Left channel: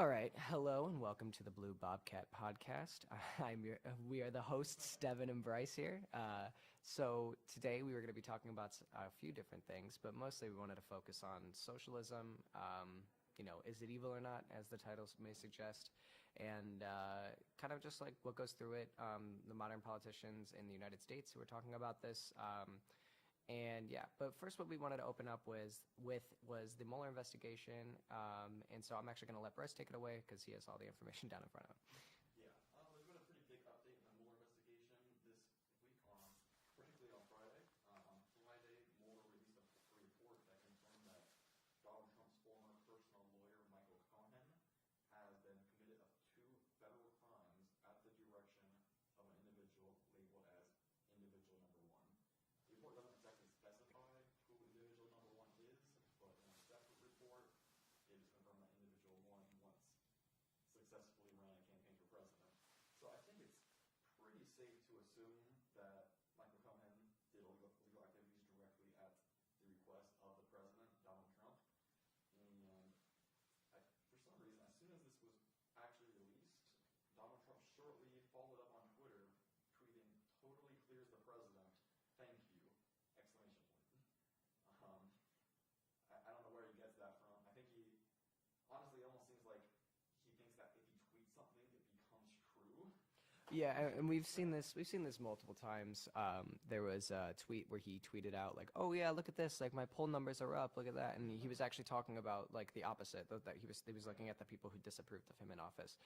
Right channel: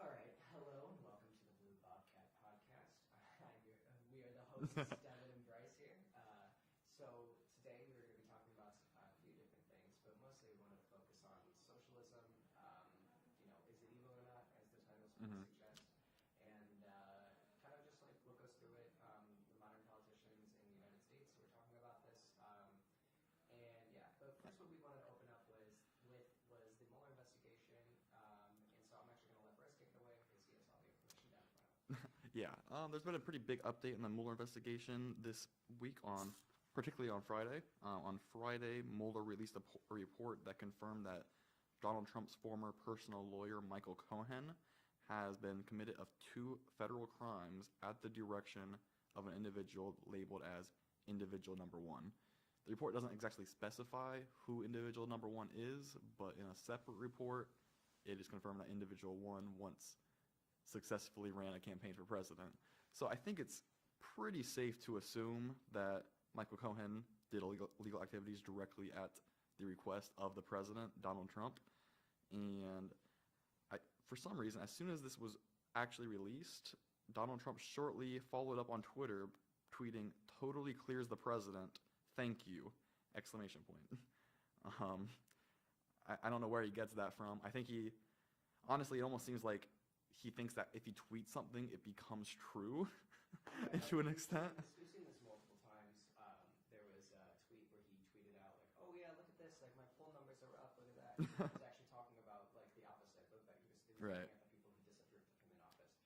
All right, hello and welcome to the Blue Bobcat Podcast. We are the hosts, Devin and Bryce here. So today we were going to be talking about a few different things, but mostly we wanted to focus on socialism. Is it evil or not, as the titles may suggest, and kind of just like what goes through it. The modern politicians in the United States who are talking about this. But first what we wanted to open up was the Mueller investigation, and so I'm actually going to let Bryce take it away because he has all the information down in front of him. Yeah, there's been a pretty big update in the Mueller investigation this week, particularly on Friday. On Friday, Mueller released a report that confirmed that Donald Trump's former personal lawyer, Michael Cohen, has been committed of 2 federal crimes at the direction of an individual labeled as individual number 1. The report doesn't exactly specify who individual number 1 is, but in a separate report, it is confirmed that individual 1 once successfully ran a campaign for president. So I think it's pretty safe to assume that Michael Cohen did illegal activities directly at the request of the president, Donald Trump. And for some reason, as soon as this was actually released, Donald Trump shortly followed up on Twitter, tweeting, "Totally clears the president. Thank you!" Exclamation point. I don't know where he gets that from. I think honestly, it almost seems like he thinks that if he tweets something, it becomes true. Yeah, and we've seen this multiple times. There was a tweet where he tweeted out like, "Oh yeah, look at this! Like my poll numbers are up. Look at that!" And he was actually talking about like the opposite. That he was Right. looking at the people who disapproved of him in office.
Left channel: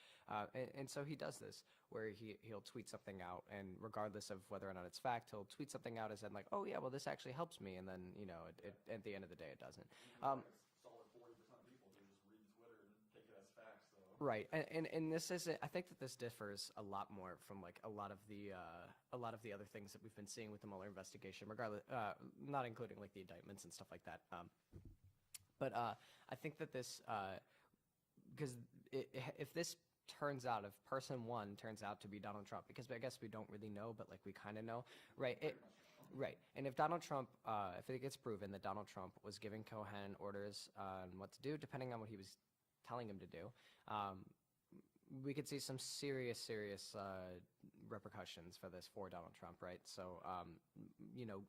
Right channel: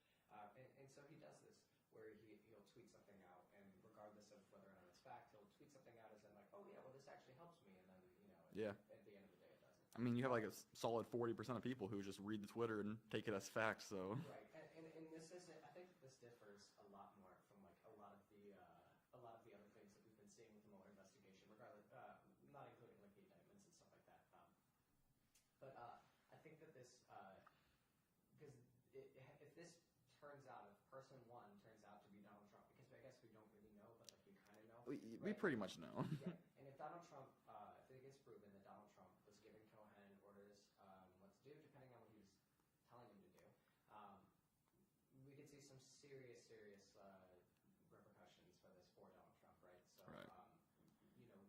And so he does this where he'll tweet something out, and regardless of whether or not it's fact, he'll tweet something out as in like, "Oh yeah, well this actually helps me," and then at the end of the day, it doesn't. I mean, you have like a solid 40% of people who just read the Twitter and take it as fact. So right, and this is I think that this differs a lot more from like a lot of the other things that we've been seeing with the Mueller investigation, regardless, not including like the indictments and stuff like that. But I think that this, because if this turns out, if person 1 turns out to be Donald Trump, because I guess we don't really know, but like we kind of know, right? We pretty much know. Right. And if Donald Trump, if it gets proven that Donald Trump was giving Cohen orders on what to do, depending on what he was telling him to do, we could see some serious repercussions for this for Donald Trump, right? So, Right.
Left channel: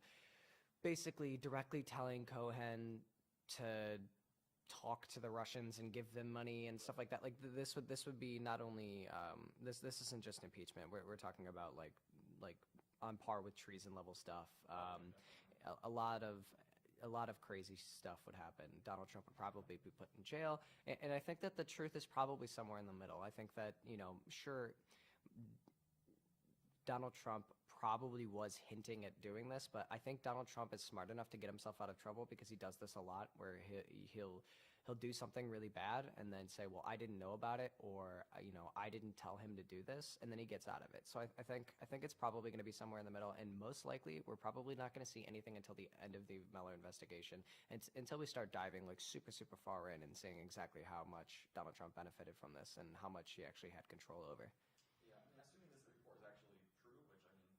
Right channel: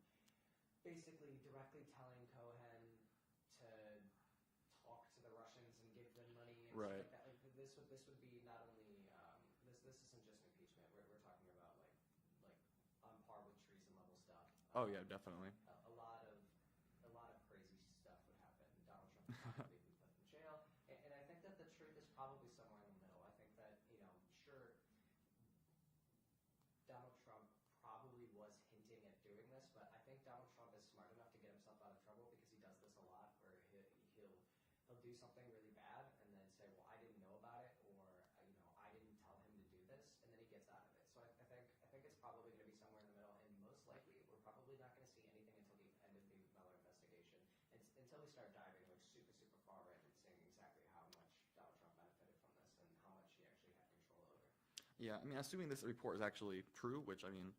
Basically directly telling Cohen to talk to the Russians and give them money and stuff Right. like that. Like this would be not only this isn't just impeachment. We're talking about like on par with treason level stuff. Oh yeah, definitely. A lot of crazy stuff would happen. Donald Trump would probably be put in jail. And I think that the truth is probably somewhere in the middle. I think that, sure, Donald Trump probably was hinting at doing this, but I think Donald Trump is smart enough to get himself out of trouble because he does this a lot, where he'll do something really bad and then say, well, I didn't know about it, or I didn't tell him to do this, and then he gets out of it. So I think it's probably going to be somewhere in the middle, and most likely we're probably not going to see anything until the end of the Mueller investigation, and until we start diving like super far in and seeing exactly how much Donald Trump benefited from this and how much he actually had control over. Yeah, I mean, assuming this report is actually true, which I mean,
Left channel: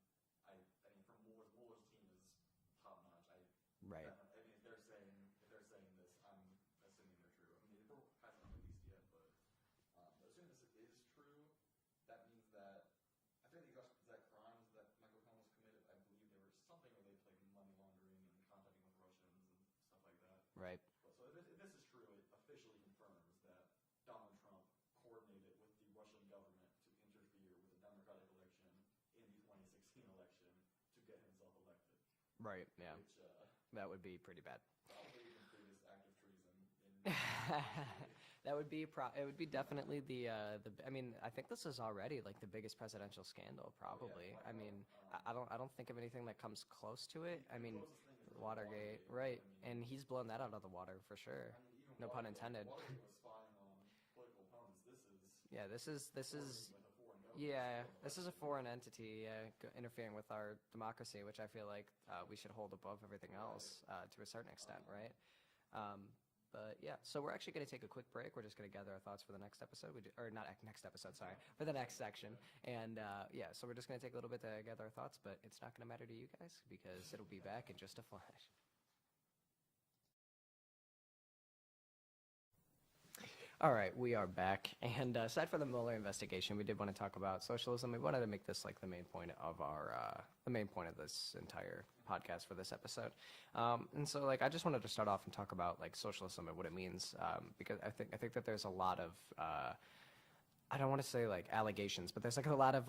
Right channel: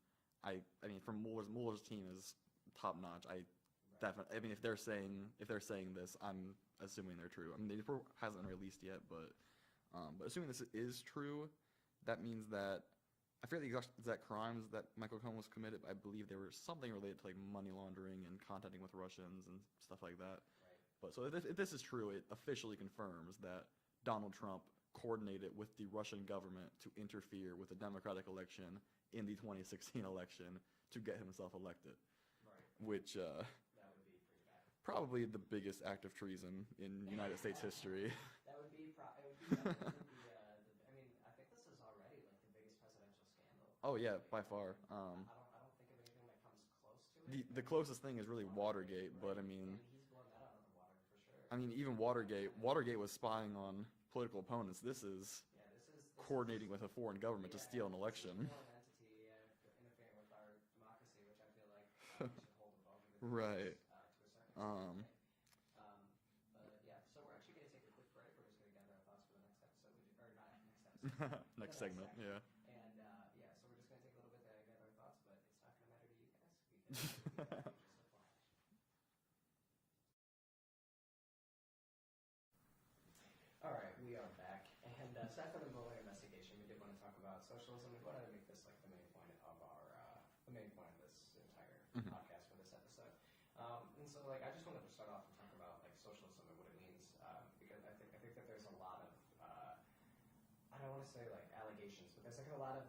from Mueller's team is top notch. Right. Definitely. I mean, if they're saying this, I'm assuming they're true. I mean, the report hasn't been released yet, but assuming this is true, that means that I forget the exact crimes that Michael Cohen was committed. But I believe they were something related to like money laundering and contacting with Russians and stuff like that. Right. But so if this is true, it officially confirms that Donald Trump coordinated with the Russian government to interfere with the Democratic election in the 2016 election to get himself elected. Right. Yeah. Which that would be pretty bad. probably the biggest act of treason in United States history. That would be it would be definitely the I mean, I think this is already like the biggest presidential scandal probably. Oh yeah, by far. I mean, I don't think of anything that comes close to it. The closest thing is really Watergate, right? But I mean, and he's blown that out of the water for sure. I mean, even No pun intended. Watergate was spying on political opponents. This is coordinating with a foreign government to steal an election. This is a foreign entity interfering with our democracy, which I feel like we should hold above everything Right. else to a certain extent, right? But yeah, so we're actually going to take a quick break. We're just going to gather our thoughts for the next episode, or not next episode, sorry, for the next segment, section. yeah. And so we're just going to take a little bit to gather our thoughts, but it's not going to matter to you guys because it'll be back in just a flash. All right, we are back. And aside from the Mueller investigation, we did want to talk about socialism. We wanted to make this like the main point of the main point of this entire podcast for this episode. And so, like, I just wanted to start off and talk about like socialism and what it means, because I think that there's a lot of I don't want to say like allegations, but there's like a lot of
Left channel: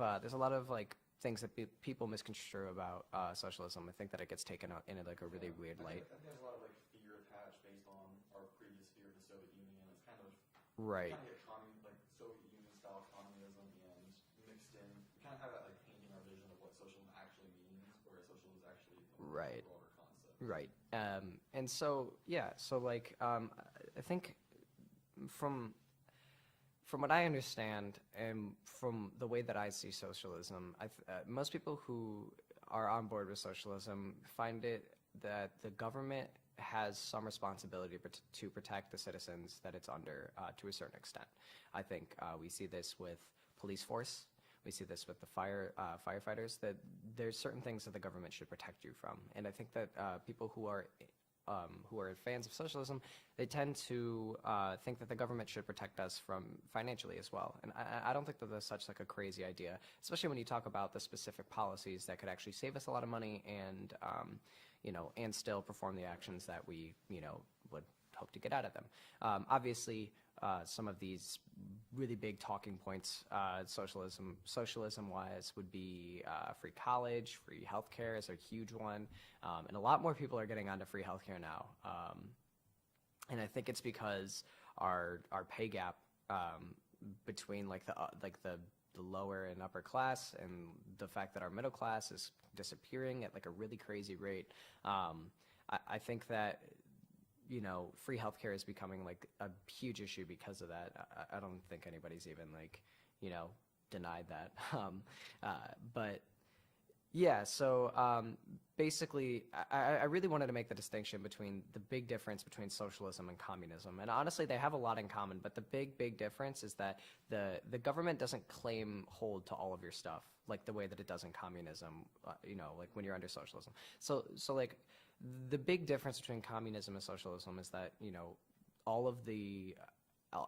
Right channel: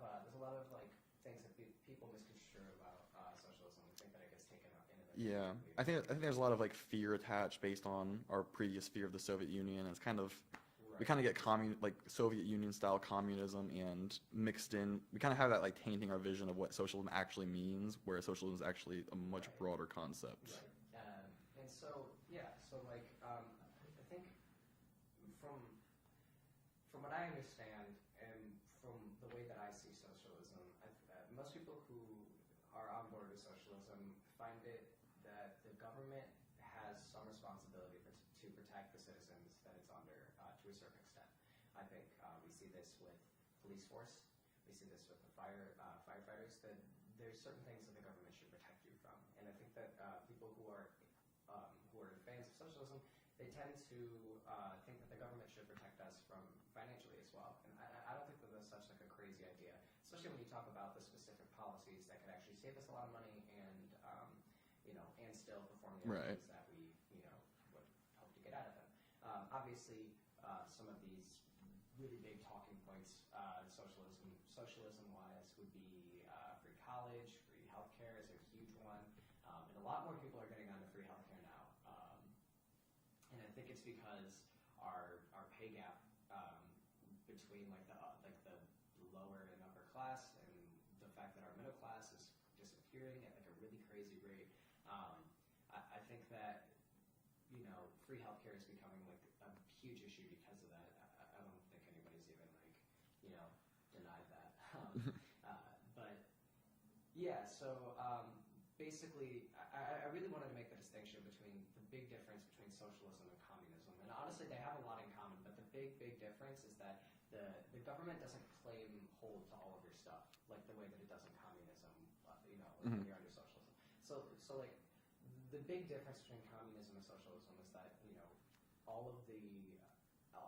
like things that people misconstrue about socialism. I think that it gets taken out in like a really weird way. I think there's a lot of like fear attached based on our previous fear of the Soviet Union. It's kind of right. We kind of get like Soviet Union style communism and mixed in. We kind of have that like tainting our vision of what socialism actually means, whereas socialism is actually a much broader concept. Right. And so like I think from what I understand and from the way that I see socialism, most people who are on board with socialism find it that the government has some responsibility to protect the citizens that it's under to a certain extent. I think we see this with police force. We see this with the firefighters, that there's certain things that the government should protect you from. And I think that people who are fans of socialism, they tend to think that the government should protect us from financially as well. And I don't think that that's such like a crazy idea, especially when you talk about the specific policies that could actually save us a lot of money and and still perform the actions that we would hope to get out of them. Obviously, some of these really big talking points, socialism-wise, would be free college, free healthcare is a huge one, and a lot more people are getting onto free healthcare now. And I think it's because our pay gap between like the lower and upper class, and the fact that our middle class is disappearing at like a really crazy rate. I think that free healthcare is becoming like a huge issue because of that. I don't think anybody's even like denied that. But yeah, so basically, I really wanted to make the distinction between the big difference between socialism and communism. And honestly, they have a lot in common, but the big difference is that the government doesn't claim hold to all of your stuff like the way that it does in communism, like when you're under socialism. So like the big difference between communism and socialism is that, all of the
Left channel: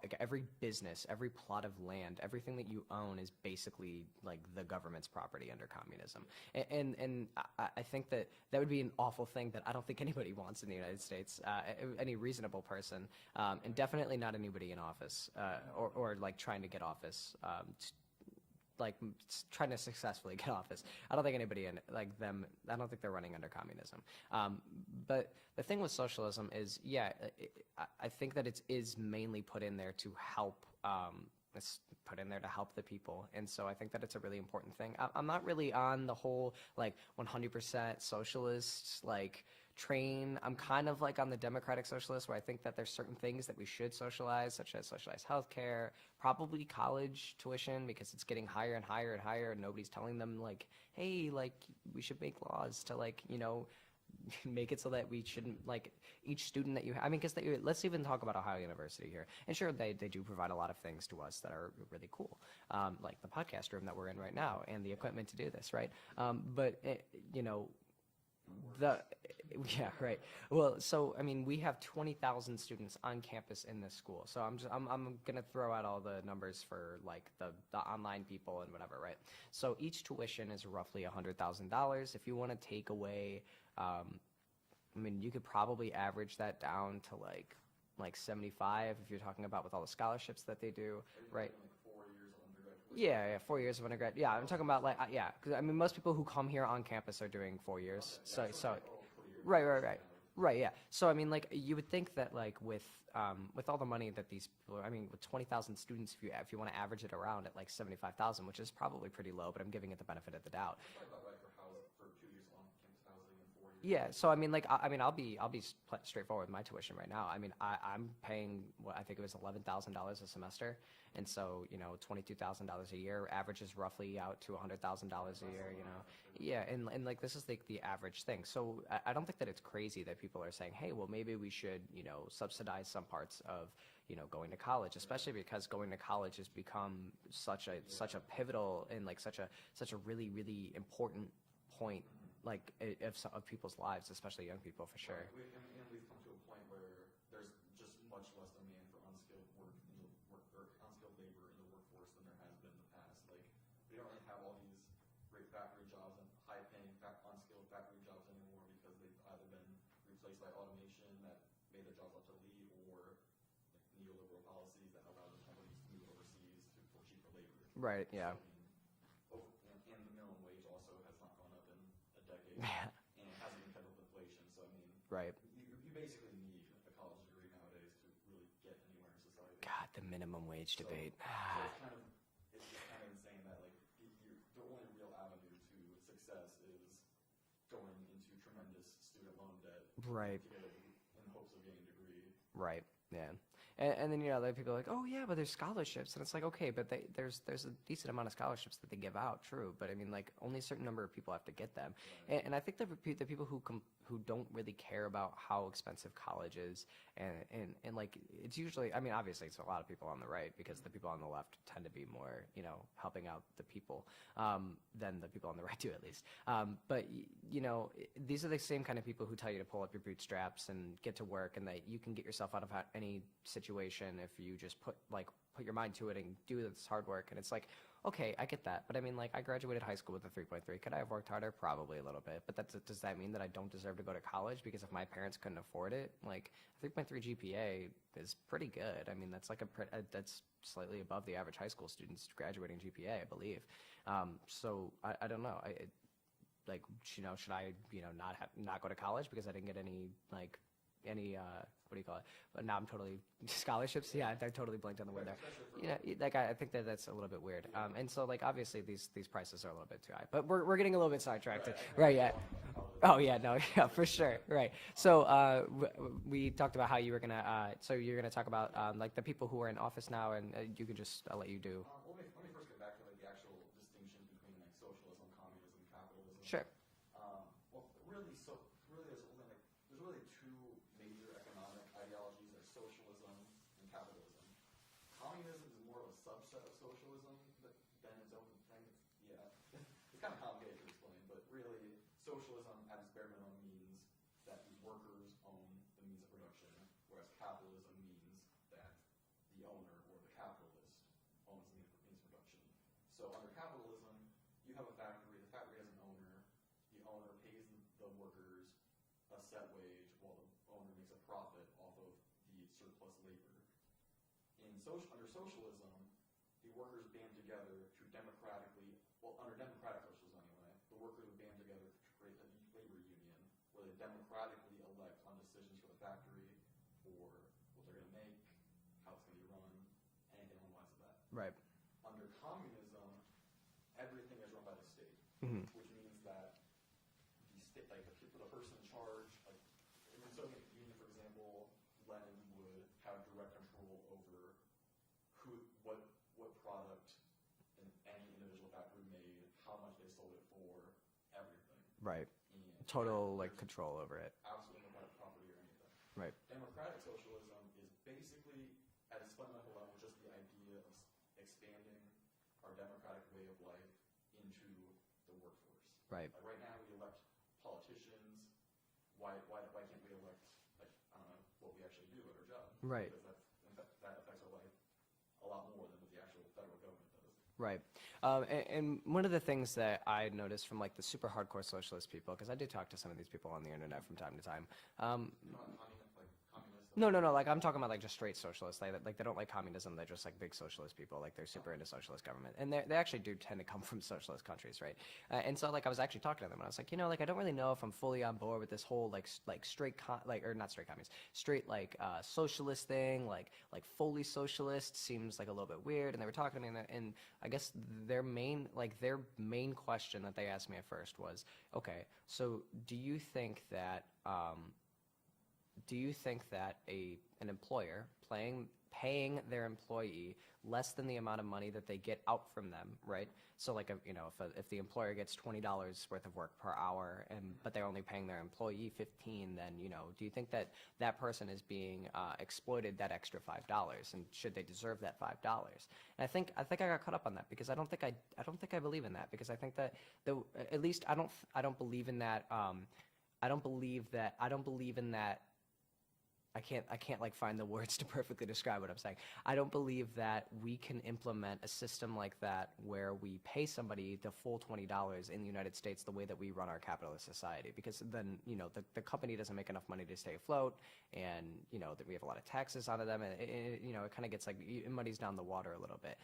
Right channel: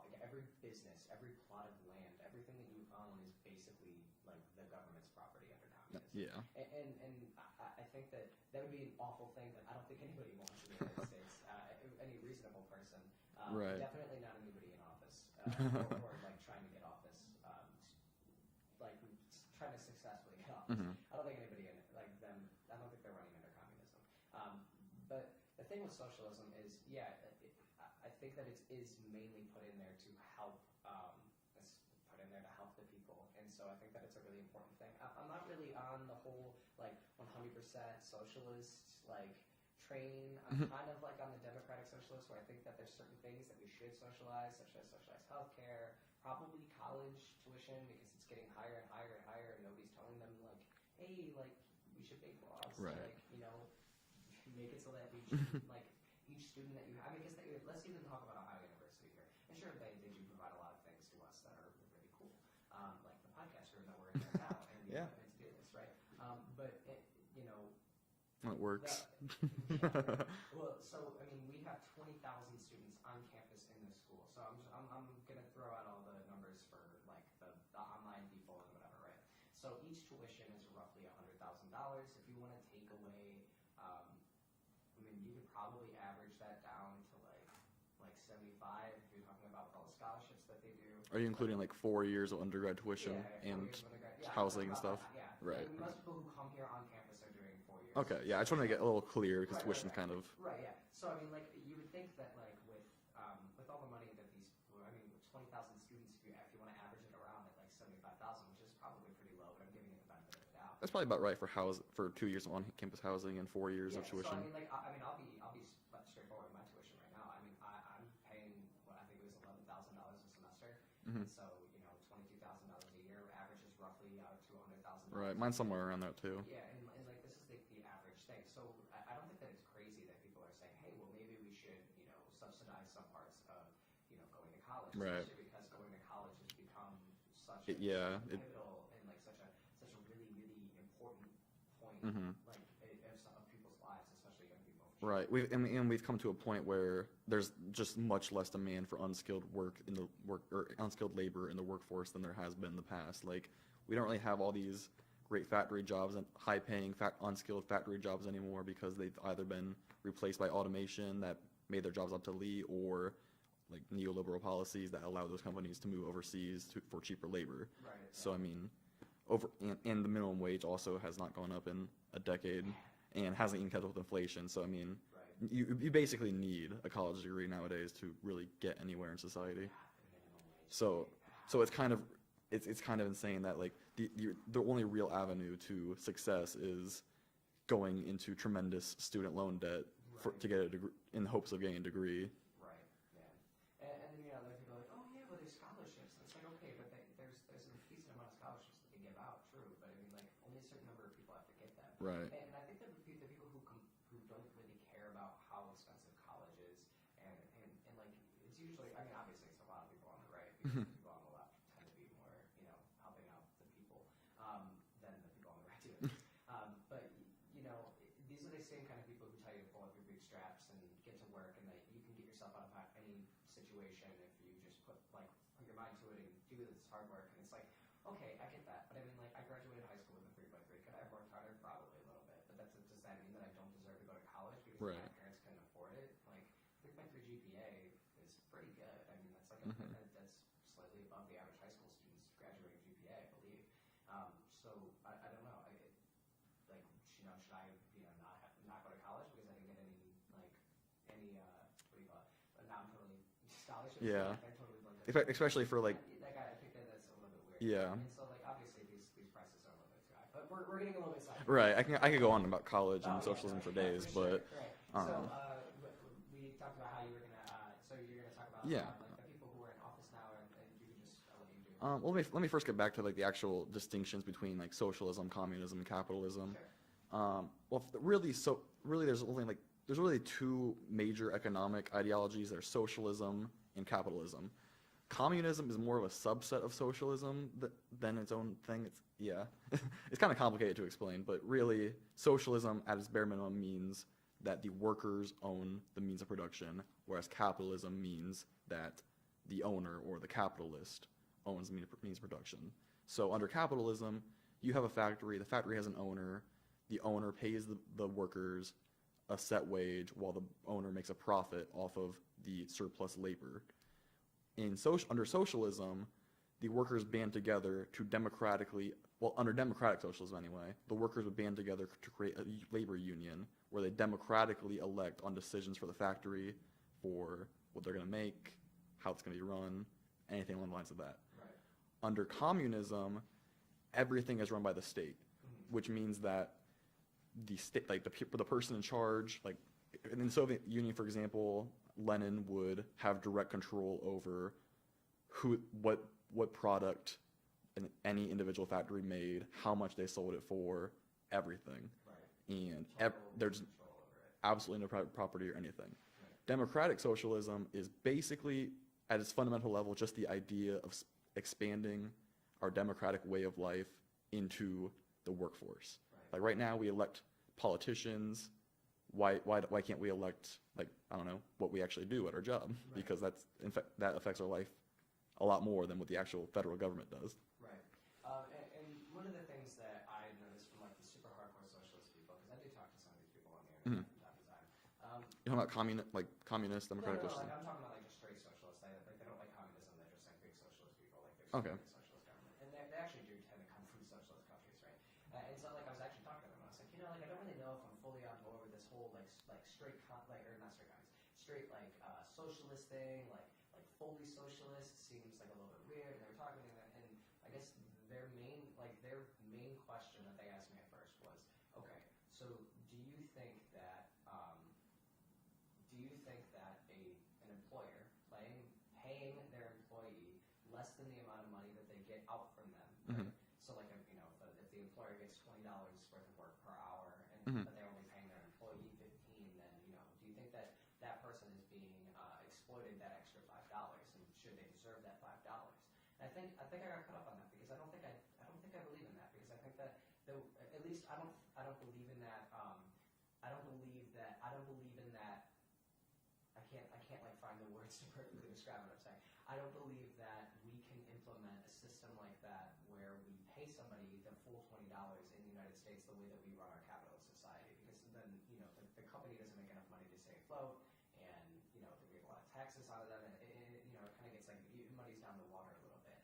like every business, every plot of land, everything that you own is basically like the government's property under communism. Yeah. And I think that would be an awful thing that I don't think anybody wants in the United States, any reasonable person, and definitely not anybody in office or like trying to get office, like trying to successfully get office. I don't think anybody in like them, I don't think they're running under communism. But the thing with socialism is, I think that it is mainly put in there to help. It's put in there to help the people, and so I think that it's a really important thing. I'm not really on the whole like 100% socialist like train. I'm kind of like on the democratic socialist, where I think that there's certain things that we should socialize, such as socialized healthcare, probably college tuition, because it's getting higher and higher and higher, and nobody's telling them like, hey, like we should make laws to like make it so that we shouldn't like each student that you have. I mean, because let's even talk about Ohio University here. And sure, they do provide a lot of things to us that are really cool, like the podcast room that we're in right now and the equipment to do this, right? But it works. Yeah, right. Well, so I mean, we have 20,000 students on campus in this school. So I'm gonna throw out all the numbers for like the online people and whatever, right? So each tuition is roughly $100,000. If you want to take away, I mean, you could probably average that down to like 75 if you're talking about with all the scholarships that they do. Are you including like 4 years of undergrad tuition? Yeah, 4 years of undergrad. Yeah, I'm talking about like Right. I mean, most people who come here on campus are doing 4 years. Okay, yeah, I just want to get a little clear. Right. Kind of. Right, yeah. So I mean, like you would think that like with all the money that these people, I mean, with 20,000 students, if you want to average it around at like 75,000, which is probably pretty low, but I'm giving it the benefit of the doubt. That's probably about right for 2 years of on-campus housing and 4 years. Yeah. Of So I mean, like I'll be straightforward with my tuition right now. I mean, I'm paying what I think it was $11,000 a semester, and so $22,000 a year averages roughly out to $100,000. Right. Mine's somewhere around there too. Yeah, and like this is like the average thing. So I don't think that it's crazy that people are saying, hey, well maybe we should subsidize some parts of going to college, especially because going to college has become such a pivotal and like such a really really important point, like of people's lives, especially young people, for sure. Right. We've come to a point where there's just much less demand for unskilled unskilled labor in the workforce than there has been in the past. Like, we don't really have all these great factory jobs and high-paying unskilled factory jobs anymore because they've either been replaced by automation that made their jobs obsolete, or like neoliberal policies that allow those companies to move overseas for cheaper labor. Right. Yeah. So I mean, and the minimum wage also has not gone up in a decade, and hasn't even kept up with inflation. So I mean, right. You basically need a college degree nowadays to really get anywhere in society. God, the minimum wage debate. So it's kind of insane that like the only real avenue to success is going into tremendous student loan debt to get a degree, in hopes of getting a degree. Right. Yeah. And then, you know, there are people like, oh, yeah, but there's scholarships. And it's like, okay, but there's a decent amount of scholarships that they give out, true. But, I mean, like, only a certain number of people have to get them. Right. And I think the people who don't really care about how expensive college is, and like, it's usually, I mean, obviously it's a lot of people on the right, because the people on the left tend to be more, you know, helping out the people than the people on the right do, at least. But, you know, these are the same kind of people who tell you to pull up your bootstraps and get to work, and that you can get yourself out of any situation if you just put your mind to it and do this hard work. And it's like, okay, I get that, but I mean, like, I graduated high school with a 3.3. Could I have worked harder? Probably a little bit, but does that mean that I don't deserve to go to college because if my parents couldn't afford it? Like, 3.3 GPA is pretty good. I mean, that's like that's slightly above the average high school student's graduating GPA, I believe. So I don't know. Like, you know, should I, you know, not go to college because I didn't get any what do you call it? But now I'm totally scholarships. Yeah, I totally blanked on that. Especially for like, like I think that's a little bit weird. Yeah. And so like obviously these prices are a little bit too high. But we're getting a little bit sidetracked. Right. I can go on about college. Oh yeah, no, yeah, for sure. Right. So we talked about how you were gonna. So you're gonna talk about like the people who are in office now, and you could just I'll let you do. Well, let me first get back to like the actual distinctions between like socialism, communism, and capitalism. Sure. Well, really, there's really two major economic ideologies. There's socialism and capitalism. Communism is more of a subset of socialism than its own thing. It's kind of complicated to explain, but really, socialism at its bare minimum means that the workers own the means of production, whereas capitalism means that the owner or the capitalist owns the means of production. So under capitalism, you have a factory. The factory has an owner. The owner pays the workers a set wage while the owner makes a profit off of the surplus labor. Under socialism, the workers band together to under democratic socialism anyway, the workers would band together to create a labor union where they democratically elect on decisions for the factory, for what they're going to make, how it's going to be run, anything along the lines of that. Right. Under communism, everything is run by the state, which means that the state, like the person in charge, like in the Soviet Union, for example, Lenin would have direct control over what product any individual factory made, how much they sold it for, everything. Right. And total control over it. Absolutely no private property or anything. Right. Democratic socialism is basically, at its fundamental level, just the idea of expanding our democratic way of life into the workforce. Right. Like right now we elect politicians. Why can't we elect, like, I don't know, what we actually do at our job? Right. Because that affects our life a lot more than what the actual federal government does. Right. And one of the things that I noticed from like the super hardcore socialist people, because I do talk to some of these people on the internet from time to time. You know about communist? No. Like I'm talking about like just straight socialists. They don't like communism. They're just like big socialist people. Like they're super into socialist government, and they actually do tend to come from socialist countries, right? And so like I was actually talking to them, and I was like, you know, like I don't really know if I'm fully on board with this whole like straight straight like socialist thing. Like fully socialist seems like a little bit weird. And they were talking to me, and I guess their main question that they asked me at first was, okay, so do you think that an employer paying their employee less than the amount of money that they get out from them, right? So like, if the employer gets $20 worth of work per hour, but they're only paying their employee 15, then do you think that that person is being exploited that extra $5, and should they deserve that $5? And I think I got caught up on that because I don't think I believe in that, because I think that at least I don't believe in that. I don't believe in that. I can't like find the words to perfectly describe what I'm saying. I don't believe that we can implement a system like that where we pay somebody the full $20 in the United States the way that we run our capitalist society, because then the company doesn't make enough money to stay afloat, and that we have a lot of taxes onto them, and it kind of gets like, it muddies down the water a little bit.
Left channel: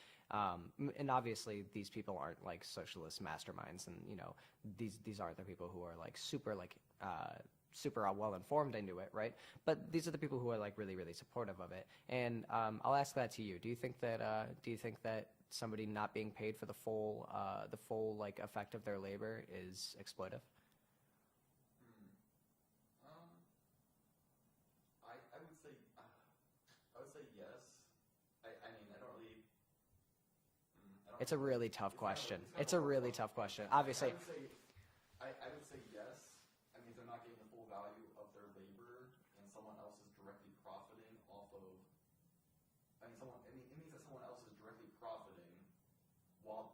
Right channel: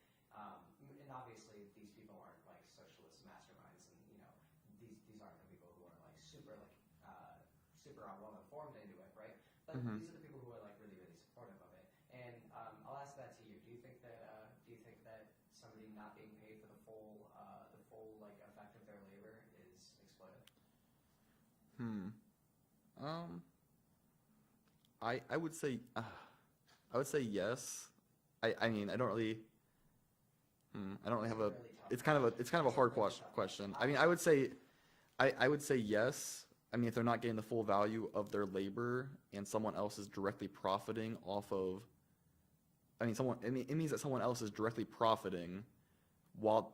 And obviously these people aren't like socialist masterminds, and these aren't the people who are like super well informed into it, right? But these are the people who are like really, really supportive of it. And I'll ask that to you. Do you think that somebody not being paid for the full like effect of their labor is exploitive? I would say yes. I mean, I don't really. It's a really tough it's question. It's kind of a hard really tough question. I mean, I would say yes. I mean, if they're not getting the full value of their labor and someone else is directly profiting off of, it means that someone else is directly profiting while,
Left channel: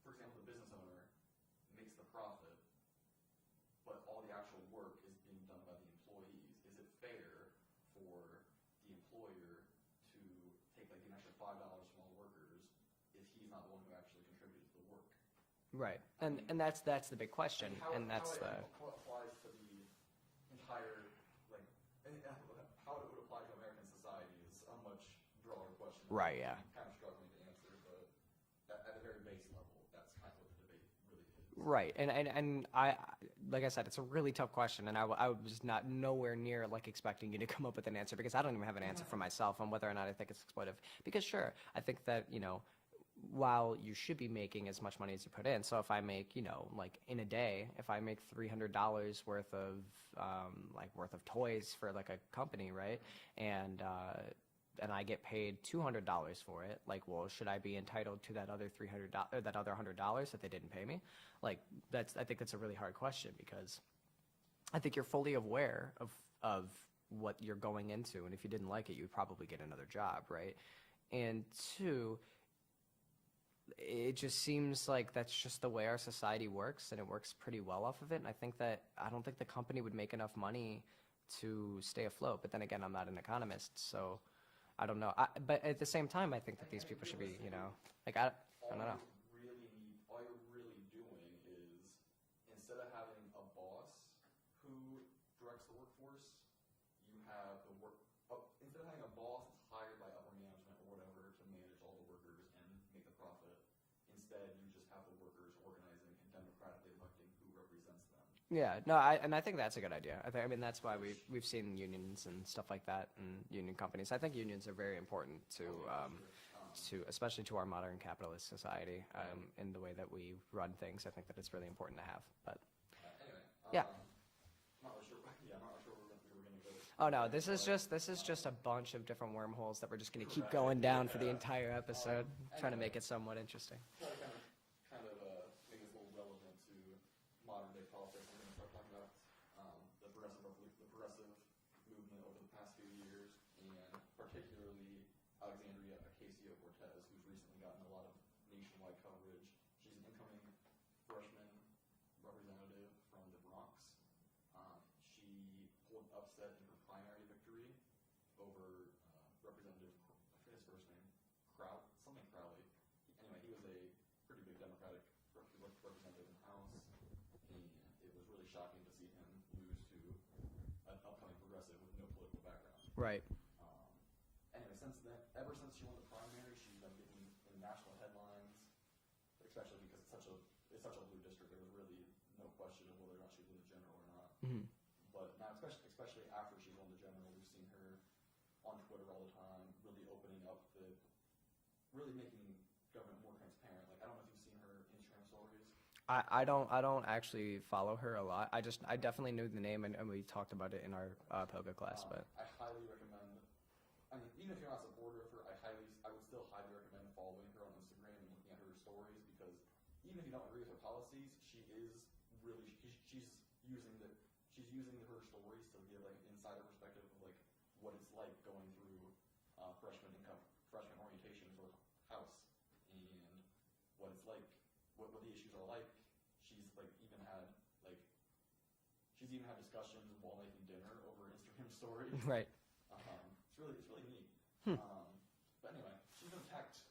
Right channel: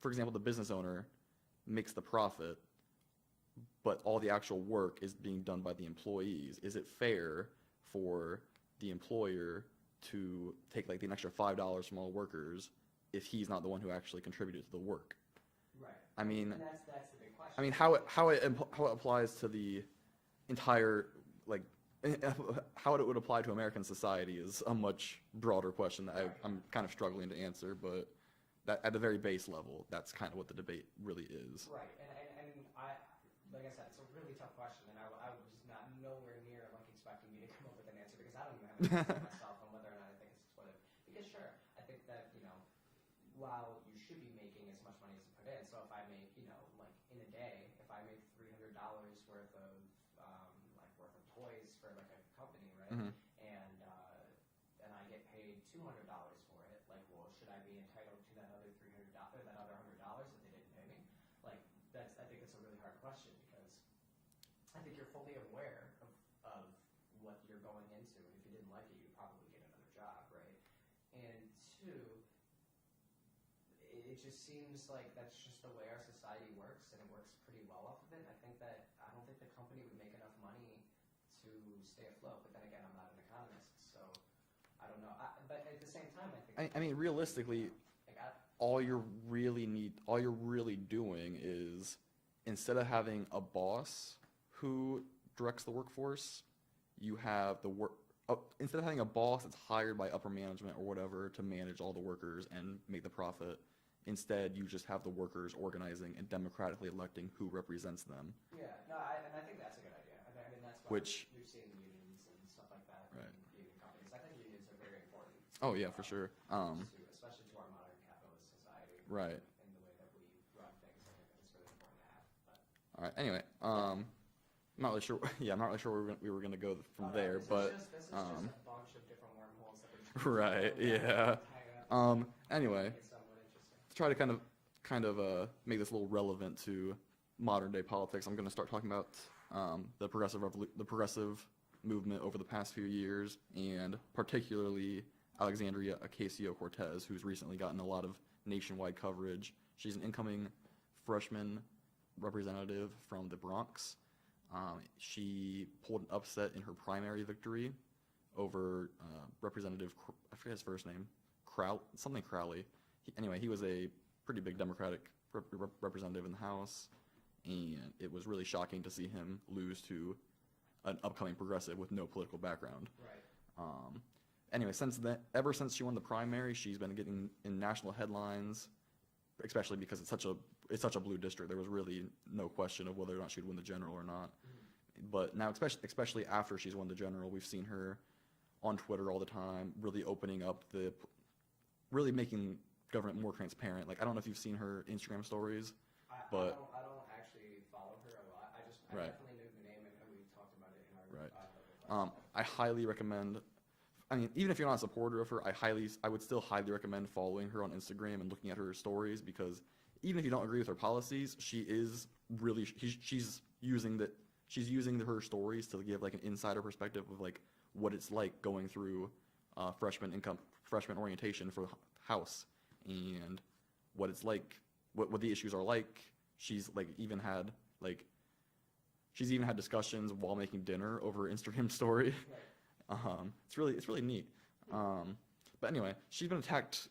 for example, the business owner makes the profit, but all the actual work is being done by the employees. Is it fair for the employer to take like an extra $5 from all workers if he's not the one who actually contributed to the work? Right. And that's the big question. I mean, how it applies to the entire, like, how it would apply to American society is a much broader question that I'm kind of struggling to answer. But that at the very base level, that's kind of what the debate really is. Right. And I, like I said, it's a really tough question, and I was nowhere near like expecting you to come up with an answer, because I don't even have an answer for myself on whether or not I think it's exploitive. Because sure, I think that while you should be making as much money as you put in, so if I make, like in a day, if I make $300 worth of toys for like a company, right, and I get paid $200 for it, like, well, should I be entitled to that other $100 that they didn't pay me? Like, I think that's a really hard question, because I think you're fully aware of what you're going into, and if you didn't like it, you'd probably get another job, right? And two, it just seems like that's just the way our society works, and it works pretty well off of it. And I don't think the company would make enough money to stay afloat. But then again, I'm not an economist, so I don't know. But at the same time, I think that realistically, all you're really doing is, instead of having a boss who directs the workforce, you have instead of having a boss that's hired by upper management or whatever to manage all the workers and make the profit, instead you just have the workers organizing and democratically electing who represents them. Yeah, no, I think that's a good idea. I mean, that's why we've seen unions and stuff like that, and union companies. I think unions are very important to, for sure. Especially to our modern capitalist society, right? In the way that we run things, I think that it's really important to have. But all right, anyway, I'm not really sure. Yeah, I'm not really sure where we were going to go. This is just a bunch of different wormholes that we're just going to keep going down for the entire episode. Anyway, trying to make it somewhat interesting. To try to kind of make this a little relevant to modern day politics, I'm going to start talking about the progressive movement over the past few years, and particularly Alexandria Ocasio-Cortez, who's recently gotten a lot of nationwide coverage. She's an incoming freshman representative from the Bronx. She pulled an upset in her primary victory over Representative, I forget his first name, Crowley. He was a pretty big Democratic representative in the House, and it was really shocking to see him lose to an upcoming progressive with no political background. Right. Anyway, ever since she won the primary, she's been getting in national headlines, especially because it's such a blue district. There was really no question of whether or not she'd win the general or not. Mm-hmm. But now, especially after she's won the general, we've seen her on Twitter all the time, really opening up really making government more transparent. Like, I don't know if you've seen her Instagram stories. I don't actually follow her a lot. I definitely knew the name, and we talked about it in our Poga class. I highly recommend I mean, even if you're not a supporter of her, I would still highly recommend following her on Instagram and looking at her stories, because even if you don't agree with her policies, she's using her stories to give like an insider perspective of like what it's like going through freshman orientation for House, and what it's like, what the issues are like. She's even had discussions while making dinner over her Instagram story. Right. It's really neat. But anyway, she's been attacked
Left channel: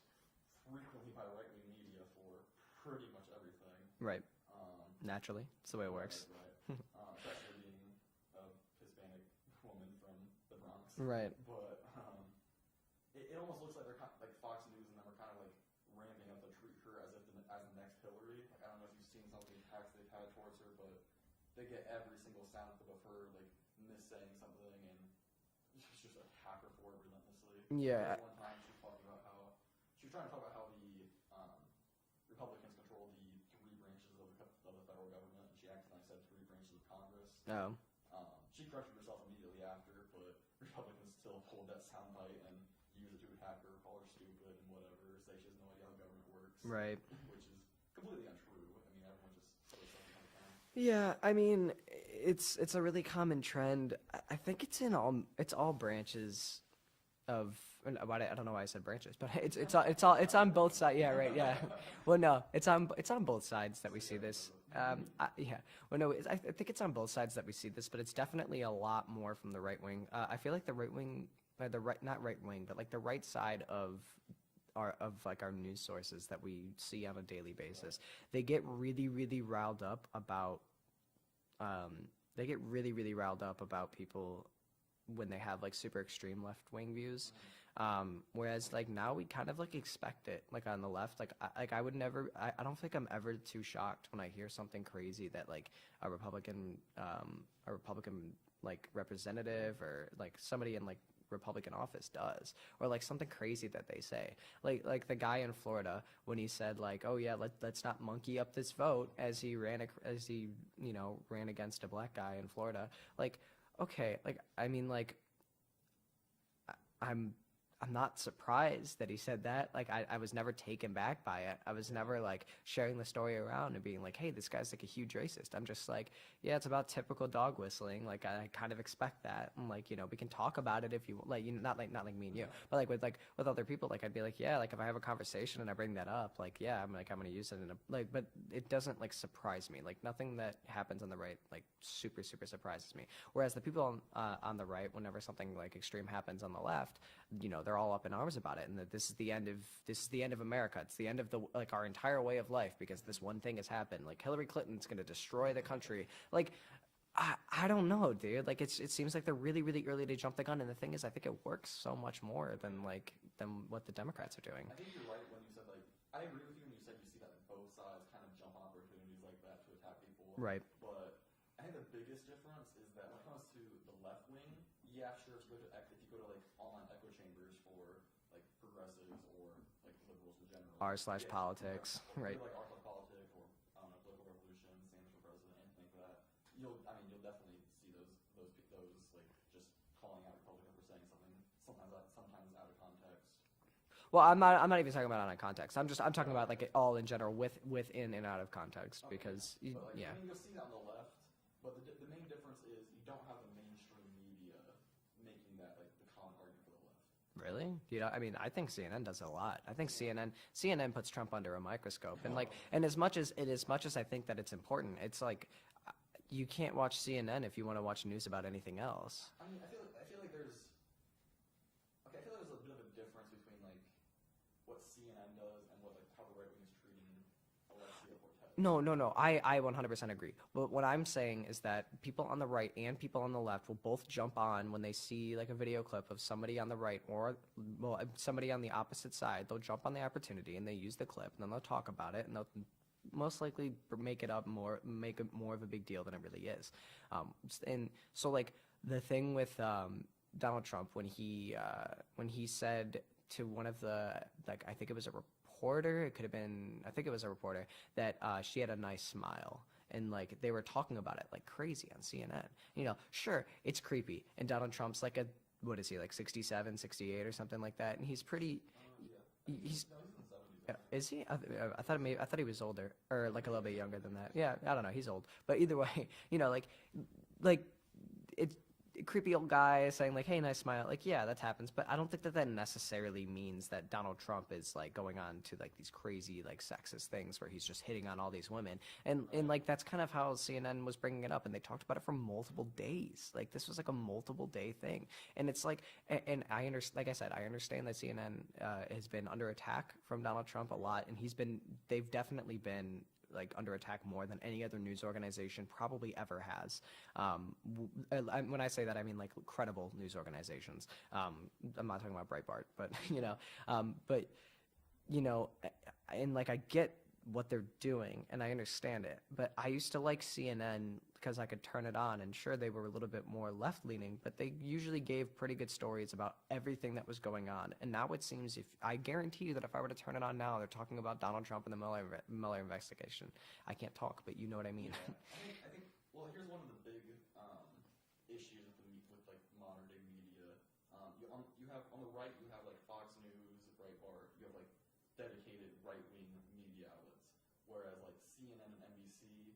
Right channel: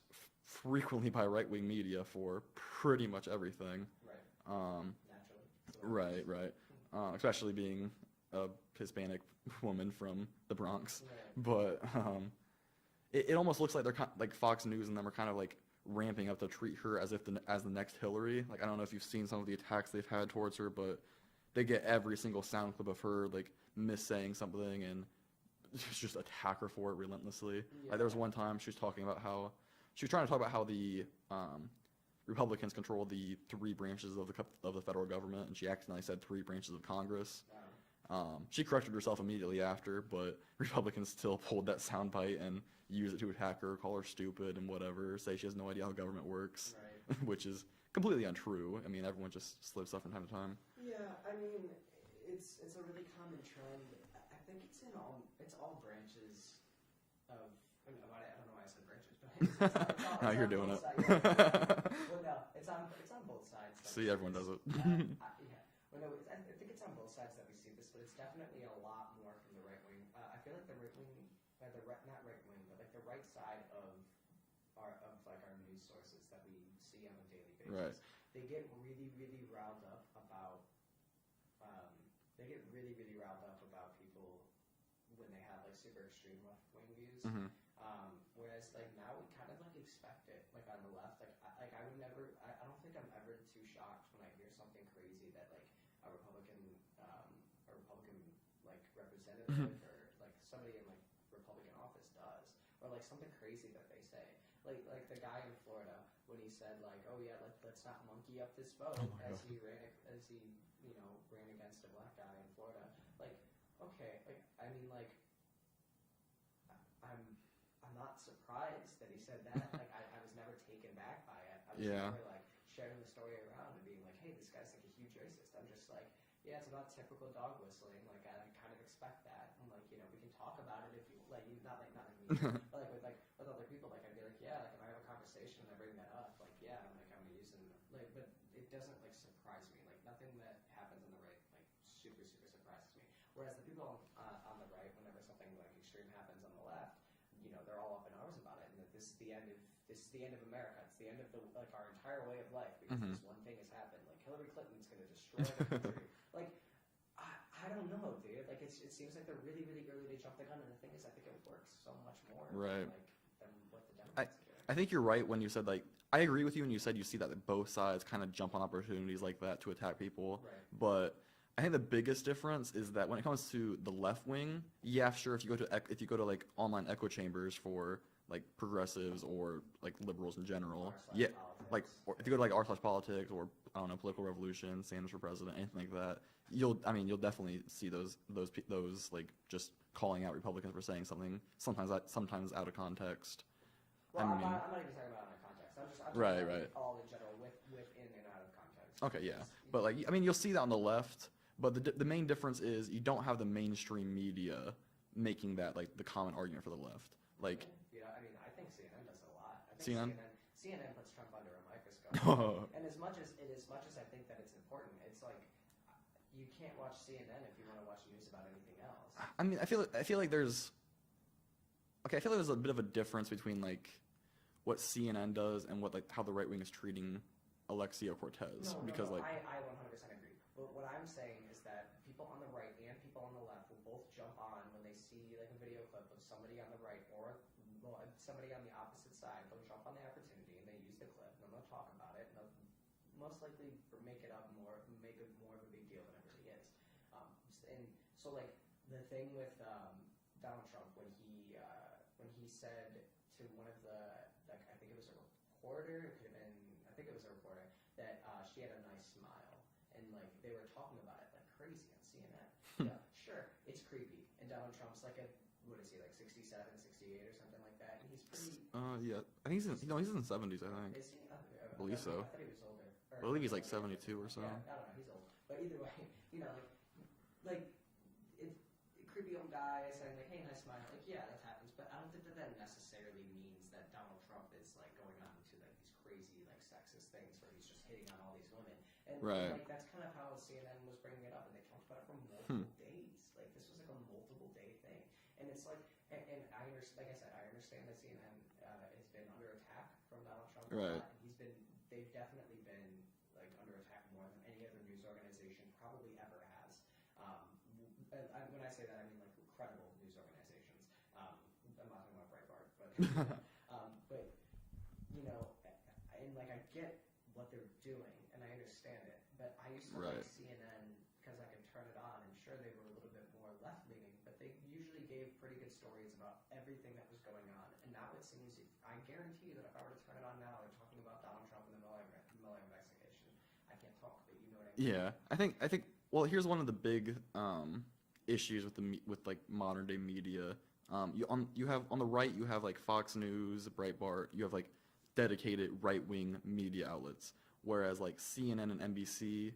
frequently by right-wing media for pretty much everything. Right. Naturally, that's the way it works. Right. Especially being a Hispanic woman from the Bronx. Right. But it almost looks like they're like Fox News and them are kind of like ramping up to treat her as the next Hillary. Like, I don't know if you've seen some of the attacks they've had towards her, but they get every single sound clip of her like missaying something and just attack her for it relentlessly. Yeah. Like, there was one time she was trying to talk about how the Republicans control the 3 branches of the federal government, and she accidentally said 3 branches of Congress. Oh. She corrected herself immediately after, but Republicans still pulled that soundbite and used it to attack her, call her stupid and whatever, say she has no idea how government works. Right. Which is completely untrue. I mean, everyone just slips up from time to time. Yeah, I mean, it's a really common trend. I think it's all branches of. I don't know why I said branches, but it's on both sides. Yeah, right. Yeah. Well, no, it's on both sides that we see this. Does it. Yeah. Well, no, I think it's on both sides that we see this, but it's definitely a lot more from the right wing. I feel like the right wing, not right wing, but like the right side of our news sources that we see on a daily basis. Right. They get really, really riled up about. They get really, really riled up about people when they have like super extreme left-wing views. Whereas like now we kind of like expect it, like on the left. I would never, I don't think I'm ever too shocked when I hear something crazy that like a Republican like representative or like somebody in like Republican office does, or like something crazy that they say, like the guy in Florida when he said like, oh yeah, let's not monkey up this vote, as he ran against a black guy in Florida. Like, okay, like I mean, like I'm not surprised that he said that. Like I was never taken back by it. I was never like sharing the story around and being like, hey, this guy's like a huge racist. I'm just like, yeah, it's about typical dog whistling. Like I kind of expect that. And like, we can talk about it if you like, not like me and you, but with other people, like I'd be like, yeah, like if I have a conversation and I bring that up, like, yeah, I'm going to use it but it doesn't like surprise me. Like nothing that happens on the right like super, super surprises me. Whereas the people on the right, whenever something like extreme happens on the left, they're all up in arms about it, and that this is the end of America. It's the end of our entire way of life because this one thing has happened. Like Hillary Clinton's going to destroy the country. Like, I don't know, dude. Like it seems like they're really, really early to jump the gun. And the thing is, I think it works so much more than what the Democrats are doing. I think you're right when you said like, I agree with you when you said you see that both sides kind of jump on opportunities like that to attack people. Right. But I think the biggest difference is that when it comes to the left wing, yeah, sure, if you go to like online echo chambers for like progressives or like liberals in general, r/politics, like if you go to like r/politics or I don't know, political revolution, Sanders for president, anything like that, you'll definitely see those like just calling out Republicans for saying something sometimes out of context. Well, I'm not even talking about out of context. I'm talking about like all in general within and out of context. Okay, but like I mean, you'll see that on the left. But the main difference is you don't have the mainstream media making that like the common argument for the left. Really? Like, I mean, I think CNN does a lot. I think CNN? CNN puts Trump under a microscope. And as much as I think that it's important, it's like you can't watch CNN if you want to watch news about anything else. I mean, I feel like there's a bit of a difference between like what CNN does and what like how the right wing is treating Alexia Cortez. No. I 100% agree. But what I'm saying is that people on the right and people on the left will both jump on when they see like a video clip of somebody on the right or somebody on the opposite side. They'll jump on the opportunity and they use the clip and then they'll talk about it and they'll most likely make it more of a big deal than it really is. And so like the thing with Donald Trump when he said to one of the like I think it was a reporter, I think it was a reporter, that she had a nice smile. And like they were talking about it like crazy on CNN. Sure, it's creepy. And Donald Trump's like a what is he, like 67, 68 or something like that? And he's pretty. Yeah. I think he's in the 70s. I think. Is he? I so. thought he was older, or I like believe a he's little bit younger 72 than or that. Yeah, something. I don't know. He's old, but either way, like it's a creepy old guy saying like, "Hey, nice smile." Like, yeah, that happens, but I don't think that necessarily means that Donald Trump is like going on to like these crazy like sexist things where he's just hitting on all these women, and like that's kind of how CNN was bringing it up, and they talked about it for multiple days. Like this was like a multiple day thing, and it's like, and I understand, like I said, I understand that CNN has been under attack from Donald Trump a lot, and they've definitely been like under attack more than any other news organization probably ever has. When I say that, I mean like credible news organizations. I'm not talking about Breitbart, but and like I get what they're doing and I understand it, but I used to like CNN because I could turn it on, and sure, they were a little bit more left leaning, but they usually gave pretty good stories about everything that was going on. And now it seems, I guarantee you that if I were to turn it on now, they're talking about Donald Trump and the Mueller investigation. I can't talk, but you know what I mean. Yeah, I think. Well, here's one of the big issues with like modern day media. You have on the right, you have like Fox News, Breitbart. You have like dedicated right wing media outlets, whereas like CNN and NBC,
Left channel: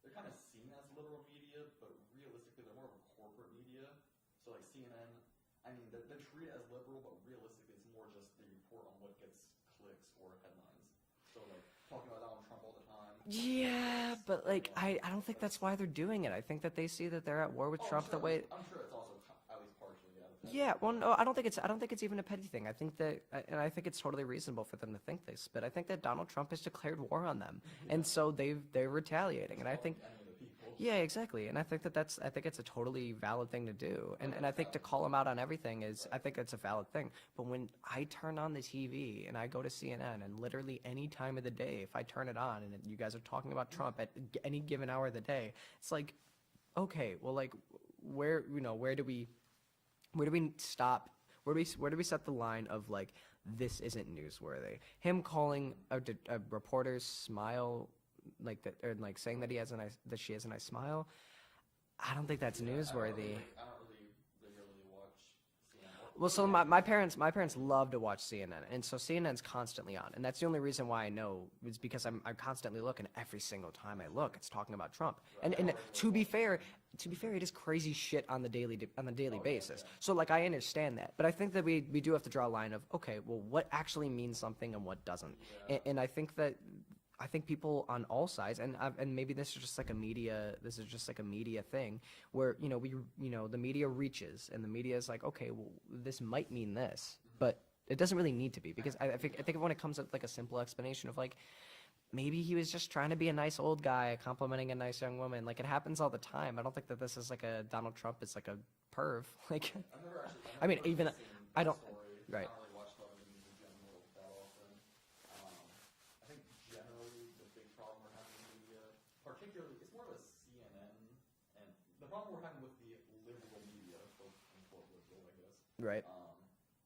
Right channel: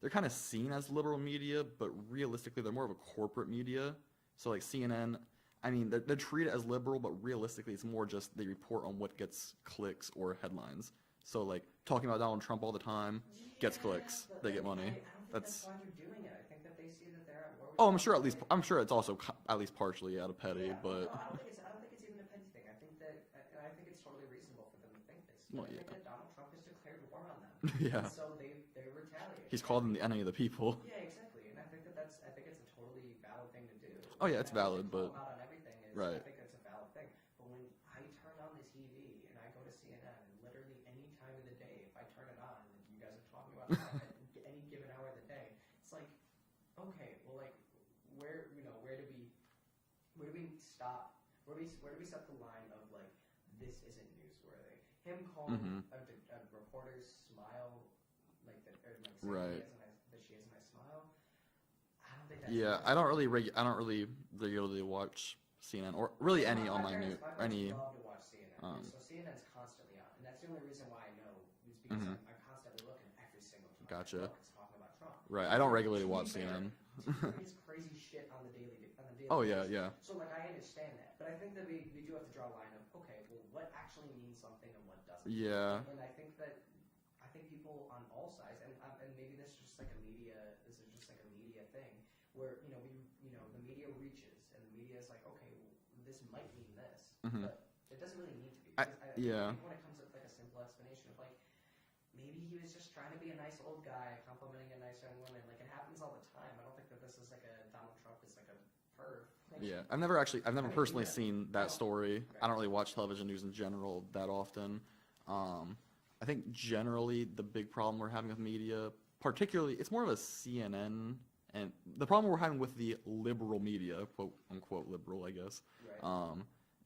they're kind of seen as liberal media, but realistically, they're more of a corporate media. So like CNN, I mean, they're treated as liberal, but realistically, it's more just they report on what gets clicks or headlines. So like talking about Donald Trump all the time gets clicks. But they like get money. I don't think that's why they're doing it. I think that they see that they're at war with. Oh, Trump. I'm sure it's also at least partially out of petty. Yeah, well, no, I don't think it's even a petty thing. I think that, and I think it's totally reasonable for them to think this. But I think that Donald Trump has declared war on them, and so they're retaliating. He's called them the enemy of the people. Yeah, exactly. And I think it's a totally valid thing to do. Oh yeah, and it's I think valid, to call him out on everything is, right. I think it's a valid thing. But when I turn on the TV and I go to CNN, and literally any time of the day, if I turn it on and you guys are talking about Trump at any given hour of the day, it's like, okay, well, like, where do we stop? Where do we set the line of like, this isn't newsworthy? Him calling a reporter's smile like that, or like saying that she has a nice smile. I don't think that's newsworthy. I don't really regularly watch CNN or well, really so my online parents any, love to watch CNN, and so CNN's constantly on, and that's the only reason why I know is because I'm constantly looking. Every single time I look, it's talking about Trump. Right, and, I don't regularly watch CNN. To be fair, it is crazy shit on the daily Oh, basis. Yeah. So like I understand that, but I think that we do have to draw a line of, okay, well, what actually means something and what doesn't. Yeah. And I think people on all sides, and maybe this is just like a media thing where the media reaches, and the media is like, okay, well, this might mean this, but it doesn't really need to be, because I think when it comes to like a simple explanation of like, maybe he was just trying to be a nice old guy complimenting a nice young woman. Like, it happens all the time. I don't think that this is like a Donald Trump is like a perv. Like, yeah, I've never personally seen that story. Right. I don't really watch television news in general that often. I think generally the big problem we're having with media, particularly, it's more of a CNN, and the problem we're having with the liberal media, quote unquote liberal, I guess, right,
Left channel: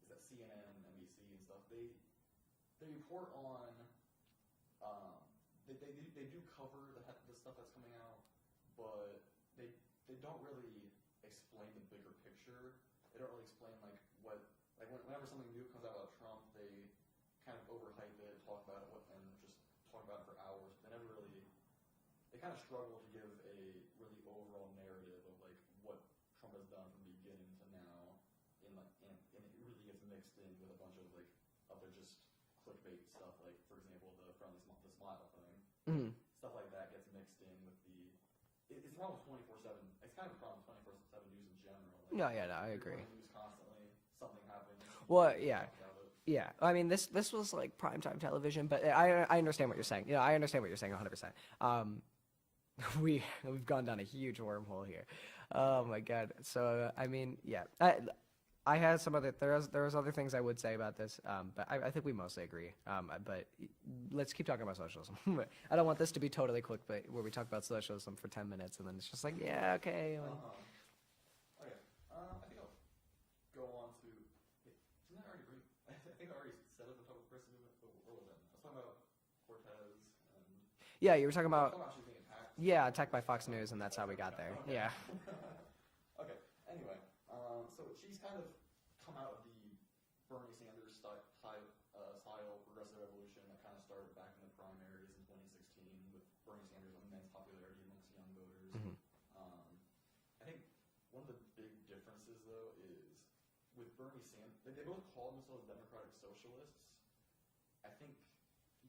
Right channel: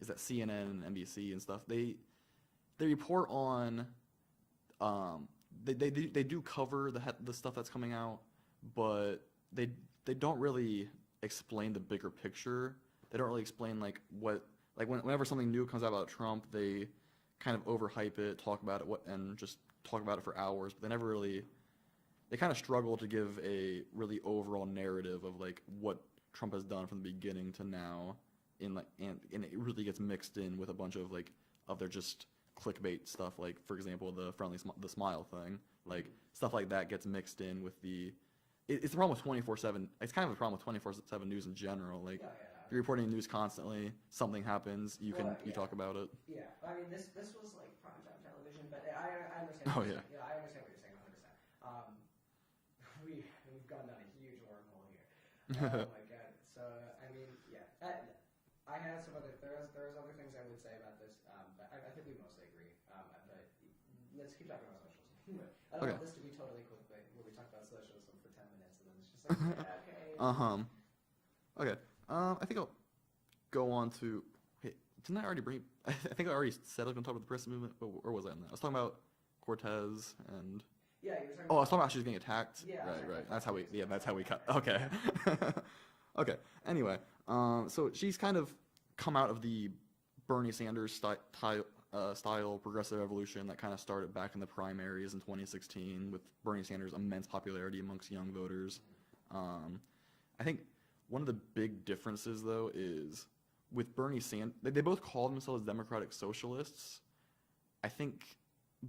is that CNN and NBC and stuff, they report on, they do cover the stuff that's coming out, but they don't really explain the bigger picture. They don't really explain like whenever something new comes out about Trump, they kind of overhype it, talk about it, and just talk about it for hours, but they kind of struggle to give a really overall narrative of like what Trump has done from the beginning to now, and it really gets mixed in with a bunch of like their just clickbait stuff, like for example the smile thing, like stuff like that gets mixed in with it's the problem with 24/7. It's kind of a problem with 24/7 news in general. Like, you're reporting news constantly. Something happens, you can talk about it. Yeah, I mean this was like primetime television, but I understand what you're saying. Yeah, I understand what you're saying 100%. We've gone down a huge wormhole here. Oh my god. So I mean, yeah. I had some other. There was other things I would say about this, but I think we mostly agree. But let's keep talking about socialism. I don't want this to be totally quick, but where we talk about socialism for 10 minutes and then it's just like, yeah, okay. Okay. I think I'll go on to. Hey, didn't I already bring? I think I already said I was going to talk about the press movement, or was I in that? I was talking about Cortez and. Yeah, you were talking about. I was talking about she was getting attacked. Yeah, attacked by Fox News, and that's how we got there. Okay. Yeah. Okay. Anyway, So she's kind of come out of the Bernie Sanders style progressive evolution that kind of started back in the primaries in 2016 with Bernie Sanders' immense popularity amongst young voters. I think one of the big differences, though, is with Bernie Sanders, they both call themselves Democratic Socialists, I think,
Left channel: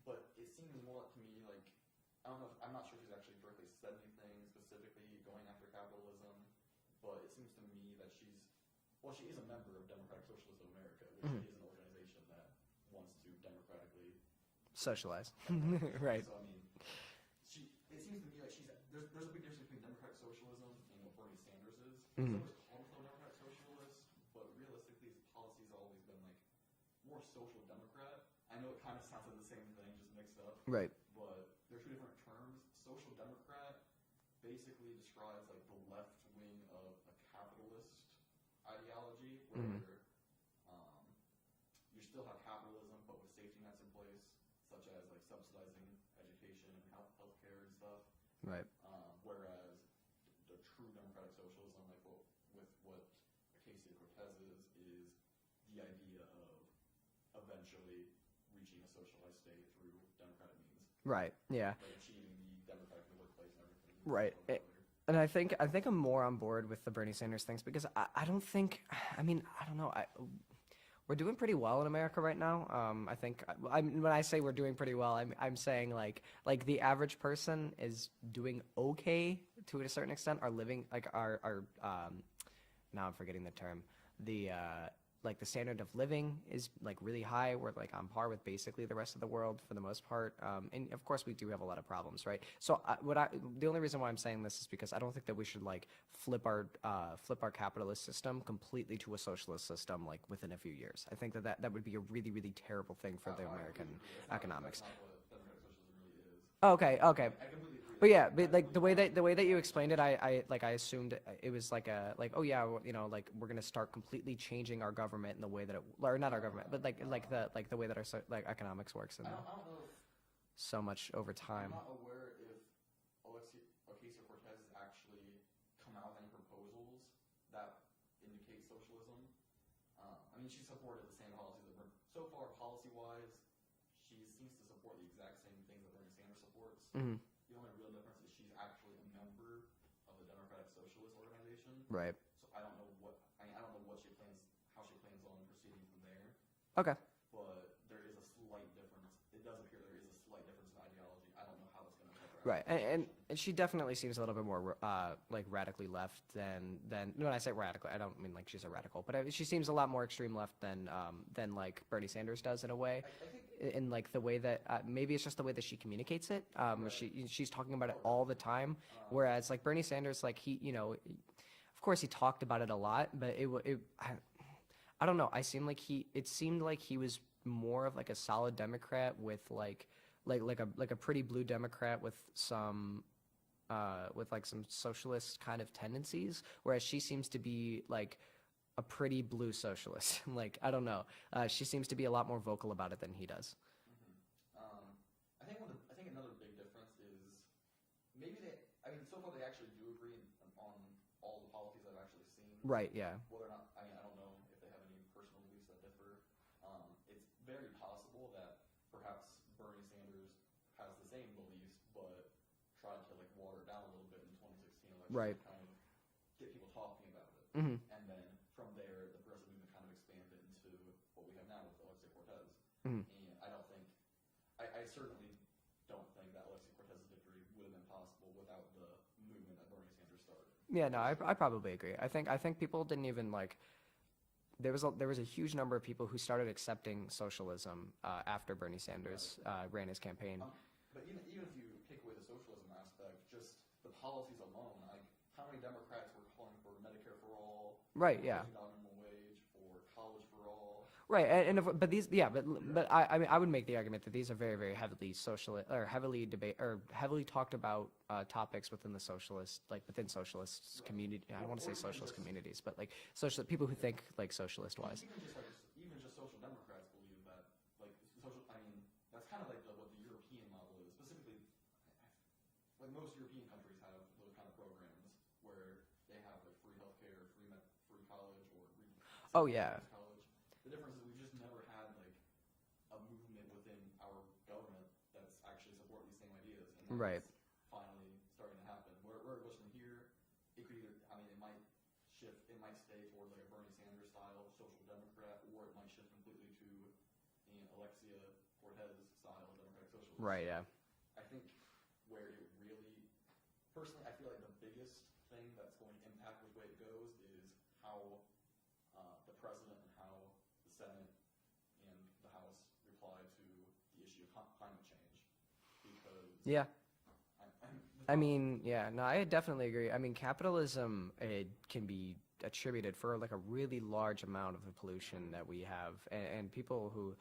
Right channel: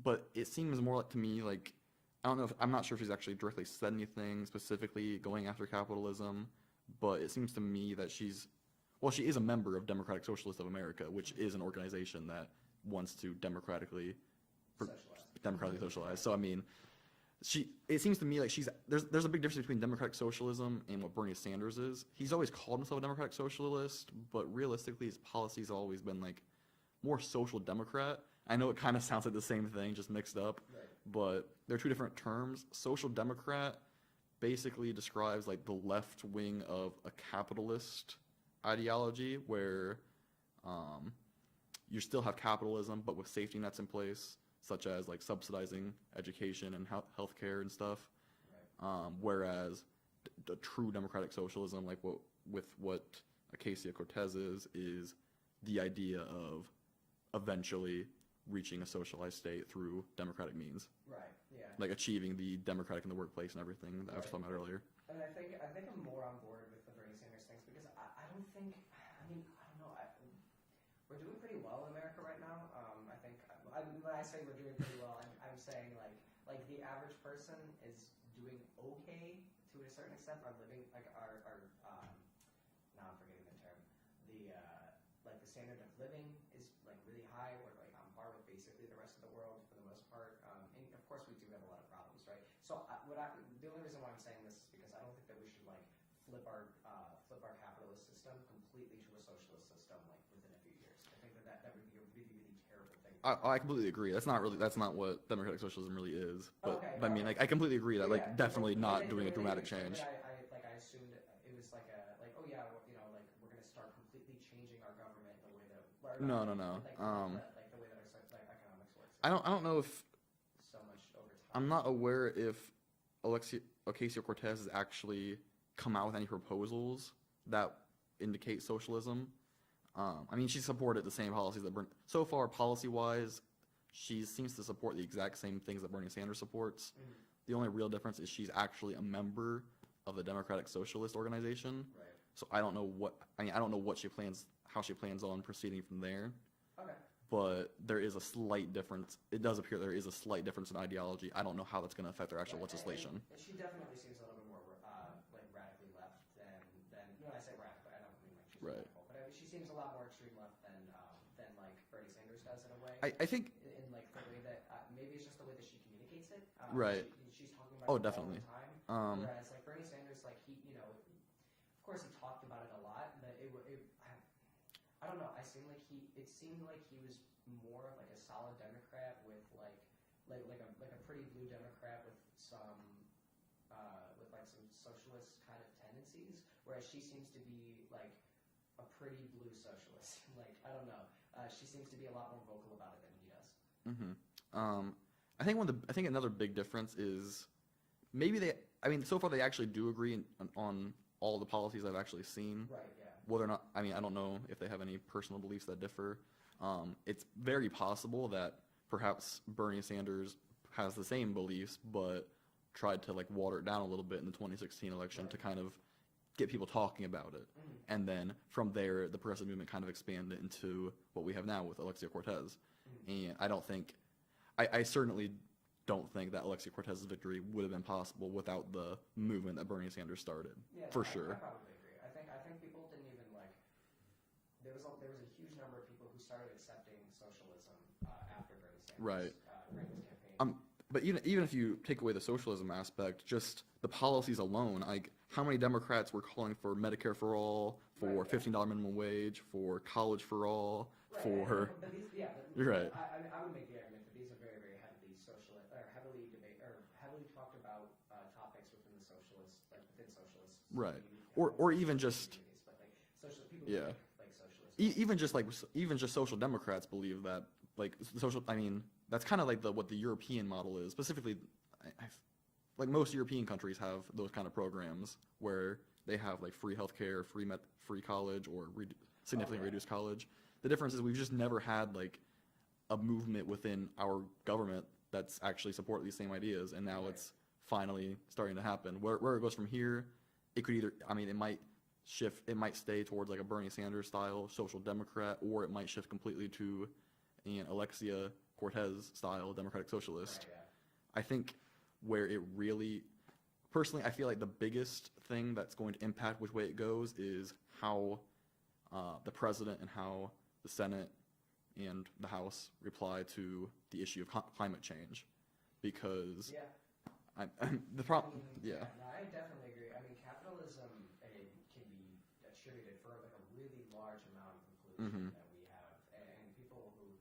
but it seems more like, to me, like, I don't know, I'm not sure if she's actually directly said anything specifically going after capitalism, but it seems to me that she is a member of Democratic Socialists of America, which is an organization that wants to democratically socialize. Right. So, I mean, it seems to me like there's a big difference between democratic socialism and what Bernie Sanders is. He's always called himself a democratic socialist, but realistically his policies have always been like more social democrat. I know it kind of sounds like the same thing, just mixed up. Right. But they're two different terms. Social democrat basically describes like the left wing of a capitalist ideology where you still have capitalism, but with safety nets in place, such as like subsidizing education and healthcare and stuff. Right. Whereas the true democratic socialism, like what Ocasio-Cortez is the idea of eventually reaching a socialized state through democratic means. Right. Yeah. Like achieving the democratic in the workplace and everything that I was talking about earlier. And I think I'm more on board with the Bernie Sanders things because I don't think, I mean, I don't know. We're doing pretty well in America right now. I think when I say we're doing pretty well, I'm saying like the average person is doing okay to a certain extent. Our living, like our now I'm forgetting the term. Like the standard of living is like really high. We're like on par with basically the rest of the world for the most part. And of course we do have a lot of problems, right? So the only reason why I'm saying this is because I don't think that we should like flip our capitalist system completely to a socialist system like within a few years. I think that would be a really, really terrible thing for I completely agree. That's not what democratic socialism really is. Okay. I mean, like, I completely agree. But yeah, but like the way that you explained it, I assumed it was like oh yeah, you know, like we're gonna start completely changing our government in the way that it, or not our government, but like the way that our like economics works. I don't know if so much over time. I'm not aware if Ocasio-Cortez has actually come out with any proposals that indicate socialism. I mean, she supported the same policies that so far, policy-wise, she seems to support the exact same things that Bernie Sanders supports. The only real difference is she's actually a member of the Democratic Socialist organization. Right. So I don't know what she plans, how she plans on proceeding from there. Okay. But there is a slight difference. It does appear there is a slight difference in ideology. I don't know how that's going to affect their actual legislation. And she definitely seems a little bit more like radically left than when I say radical, I don't mean like she's a radical, but she seems a lot more extreme left than like Bernie Sanders does in a way. I think in like the way that maybe it's just the way that she communicates it. She's talking about it all the time, whereas like Bernie Sanders, like he, you know, of course he talked about it a lot, but I don't know. It seemed like he was more of like a solid Democrat with like a pretty blue Democrat with some socialist kind of tendencies, whereas she seems to be like a pretty blue socialist. Like I don't know. She seems to be a lot more vocal about it than he does. I think another big difference is maybe so far they actually do agree on all the policies I've actually seen. Right, yeah. Whether or not, I mean, I don't know if they have any personal beliefs that differ. It's very possible that perhaps Bernie Sanders has the same beliefs, but tried to like water it down a little bit in the 2016 election to kind of get people talking about it. And then from there, the progressive movement kind of expanded into what we have now with Ocasio-Cortez. And I certainly don't think that Ocasio-Cortez's victory would have been possible without the movement that Bernie Sanders started. Yeah, no, I probably agree. I think people didn't even like. There was a huge number of people who started accepting socialism after Bernie Sanders ran his campaign. But even if you take away the socialism aspect, just the policies alone, like how many Democrats were calling for Medicare for all, for $15 minimum wage, for college for all, but I would make the argument that these are very, very heavily socialist or heavily talked about topics within the socialist, like within socialist community, or even just communities, but like social people who think like socialist. Even just social Democrats believe that like social. I mean, that's kind of like what the European model is. Specifically, like most European countries have those kind of programs where They have like free healthcare, free college, or significantly reduced college. The difference is we've just never had like a movement within our government that's actually support these same ideas, and now it's finally starting to happen. Where it goes from here, it could either, I mean, it might shift, it might stay towards like a Bernie Sanders style social democrat, or it might shift completely to an Alexia Cortez style democratic socialist. Right, yeah. I think where it really, personally, I feel like the biggest thing that's going to impact which way it goes is how the president and how the Senate and the House reply to the issue of climate change. Because no, I definitely agree. I mean, capitalism, it can be attributed for like a really large amount of the pollution that we have, and people who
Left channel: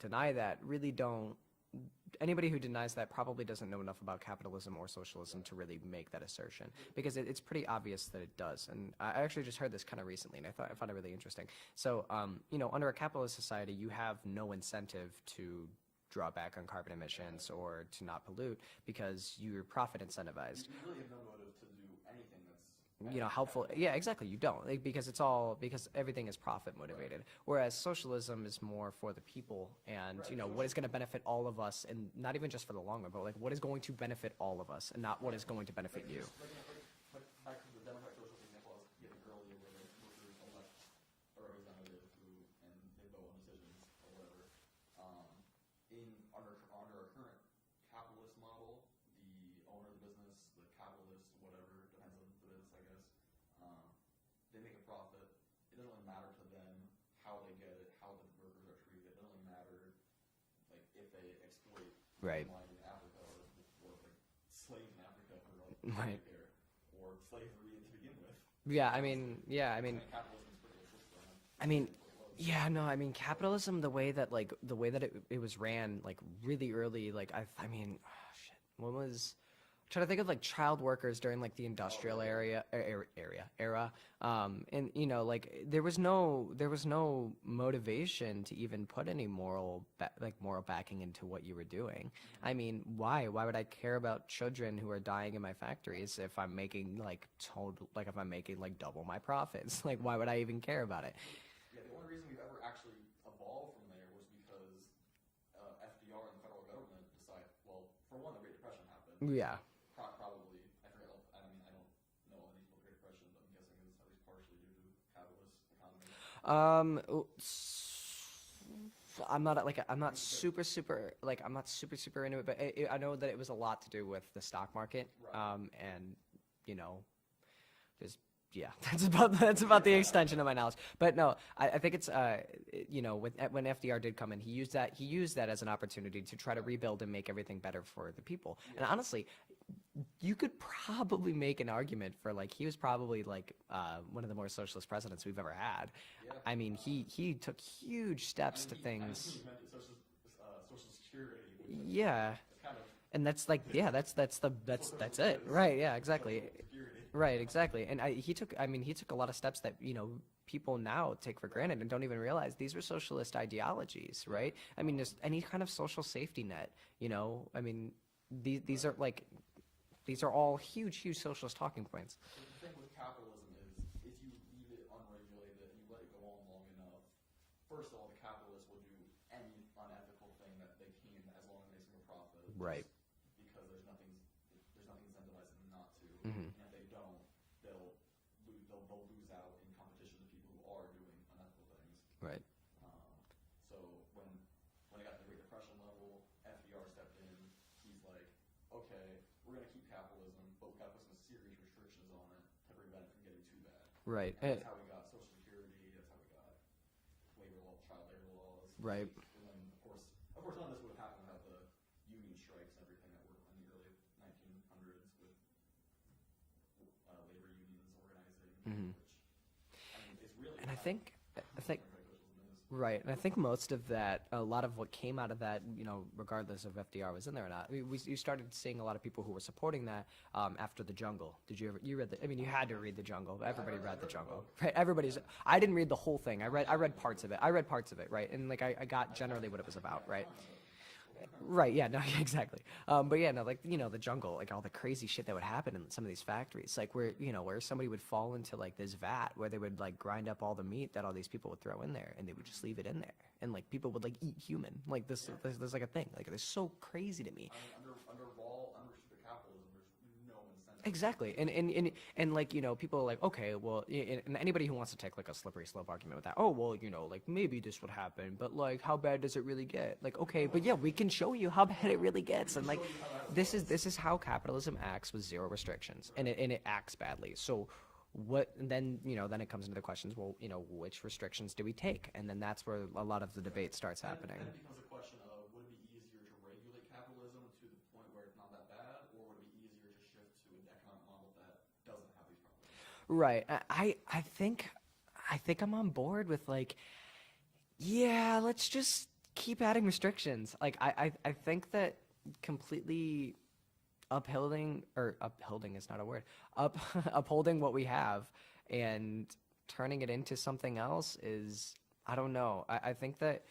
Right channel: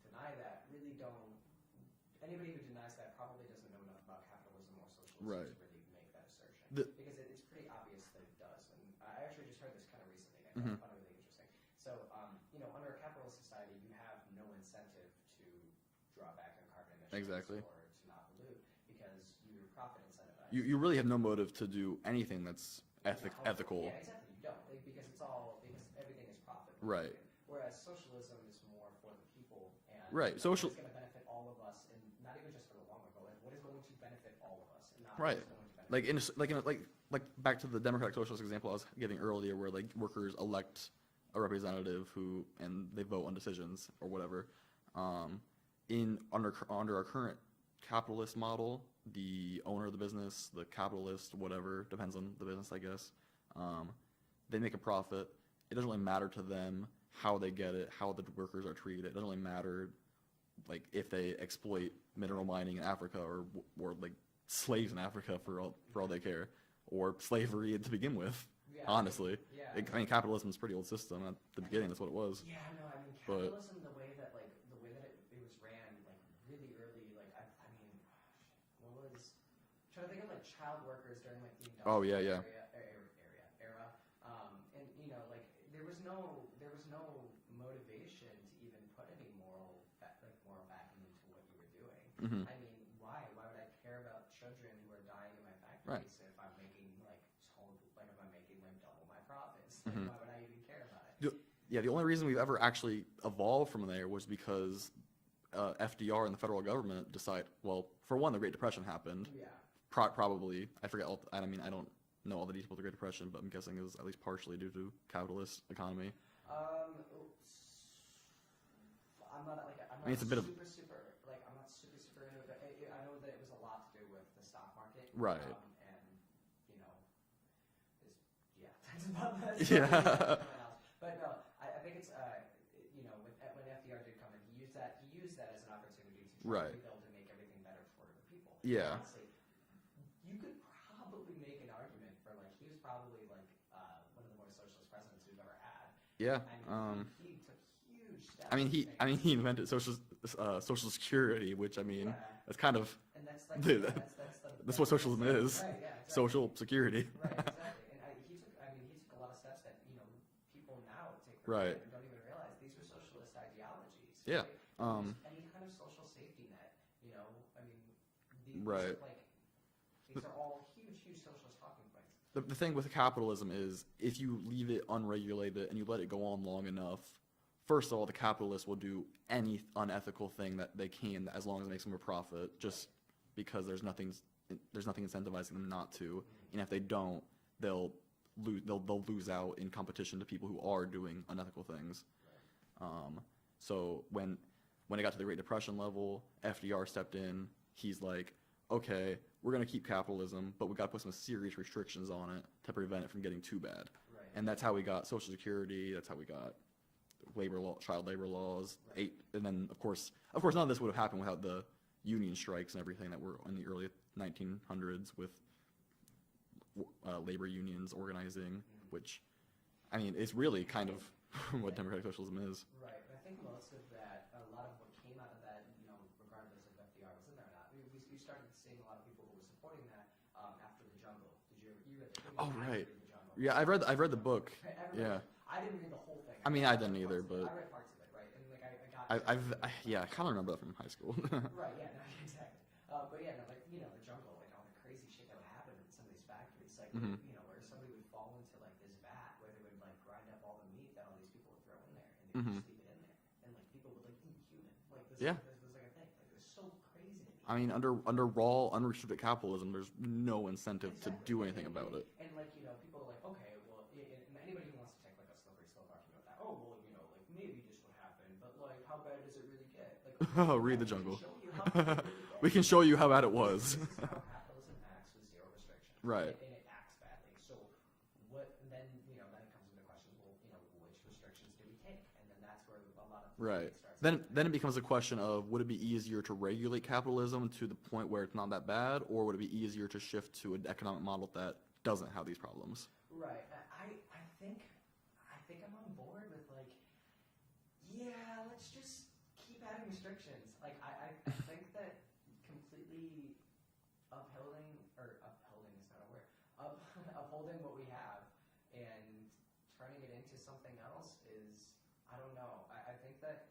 deny that really don't. Anybody who denies that probably doesn't know enough about capitalism or socialism to really make that assertion, because it's pretty obvious that it does. And I actually just heard this kind of recently, and I found it really interesting. So, under a capitalist society, you have no incentive to draw back on carbon emissions or to not pollute, because you're profit incentivized. You really have no motive to do anything that's helpful. ethical. Yeah, exactly. You don't, because everything is profit motivated. Whereas socialism is more for the people, and what is going to benefit all of us, and not even just for the long run, but like what is going to benefit all of us, and not what is going to benefit. Like back to the democratic socialist example I was giving earlier, where like workers elect a representative and they vote on decisions or whatever. Under our current capitalist model, the owner of the business, the capitalist, whatever, depends on the business, I guess, they make a profit. It doesn't really matter to them how they get it, how the workers are treated. It doesn't really matter, like, if they exploit mineral mining in Africa or like slaves in Africa for all they care, or slavery to begin with. Yeah, honestly. I mean, capitalism is a pretty old system. At the beginning, that's what it was. Yeah, no, I mean, capitalism, the way that it was ran, like, really early, like, when was, I'm trying to think of, like, child workers during, like, the industrial era, and, like, there was no motivation to even put any moral backing into what you were doing. I mean, why would I care about children who are dying in my factories if I'm making like double my profits? Like, why would I even care about it? Yeah, the only reason we've ever actually evolved from there was because FDR and the federal government decided, well, for one, the Great Depression happened. Yeah. Probably, I forget, I don't know all the details of the Great Depression, but I'm guessing it was at least partially due to capitalist economy. I'm not super into it, but I know that it was a lot to do with the stock market. Right. That's about the extension of my knowledge. But no, I think it's when FDR did come in, he used that as an opportunity to try to rebuild and make everything better for the people. Yeah. And honestly, you could probably make an argument for, like, he was probably like one of the more socialist presidents we've ever had. Yeah. I mean, he took huge steps to things. I mean, he invented Social Security, which, I mean, that's kind of, and that's like that's what socialism is. Right. Yeah. Exactly. Social security. Right. Exactly. And he took a lot of steps that people now take for granted and don't even realize these were socialist ideologies. Right. I mean, just any kind of social safety net. I mean, these are like. These are all huge, huge socialist talking points. The thing with capitalism is, if you leave it unregulated and you let it go on long enough, first of all, the capitalists will do any unethical thing that they can, as long as it makes them a profit, just because there's nothing incentivizing them not to. And if they don't, they'll lose out in competition to people who are doing unethical things. Right. So when it got to the Great Depression level, FDR stepped in. He's like, okay, we're going to keep capitalism, but we got to put some serious restrictions on it to prevent it from getting too bad. Right. And that's how we got Social Security. That's how we got child labor laws. Right. And then, of course, none of this would have happened without the union strikes and everything that were in the early 1900s with labor unions organizing, which, I mean, it's really kind of what democratic socialism is. Right, and I think most of that, a lot of what came out of that, regardless of FDR was in there or not, you started seeing a lot of people who were supporting that after The Jungle. Did you ever? You read the? I mean, you had to read The Jungle. Right? Yeah, I've read the book. Right, everybody's. Yeah. I didn't read the whole thing. I read parts of it. But I read parts of it, right? And like I got generally what it was about. Yeah, I right? kind of remember that from high school. Right. Yeah. No. Exactly. But yeah. No. Like The Jungle. Like all the crazy shit that would happen in some of these factories. Like where where somebody would fall into like this vat where they would like grind up all the meat that all these people would throw in there, and they would just leave it in there, and like people would like eat human. Like this. There's like a thing. Like it's so crazy to me. I mean, under raw, unrestricted capitalism, there's no incentive exactly. to do anything about it. And like people are like, okay, well, and anybody who wants to take like a slippery slope argument with that, oh well, like maybe this would happen, but like how bad does it really get? Like okay, but yeah, we can show you how bad it really gets. We can show you how bad it was. This is how capitalism acts with zero restrictions, right? And it acts badly. So what then then it comes into the questions, well, which restrictions do we take? And then that's where a lot of the debate starts happening. Then it becomes a question of, would it be easier to regulate capitalism to the point where it's not that bad, or would it be easier to shift to an economic model that doesn't have these problems? Right. I think I'm on board with like, yeah, let's just keep adding restrictions. Like I think that completely upholding is not a word. Upholding what we have and turning it into something else is, I don't know. I think that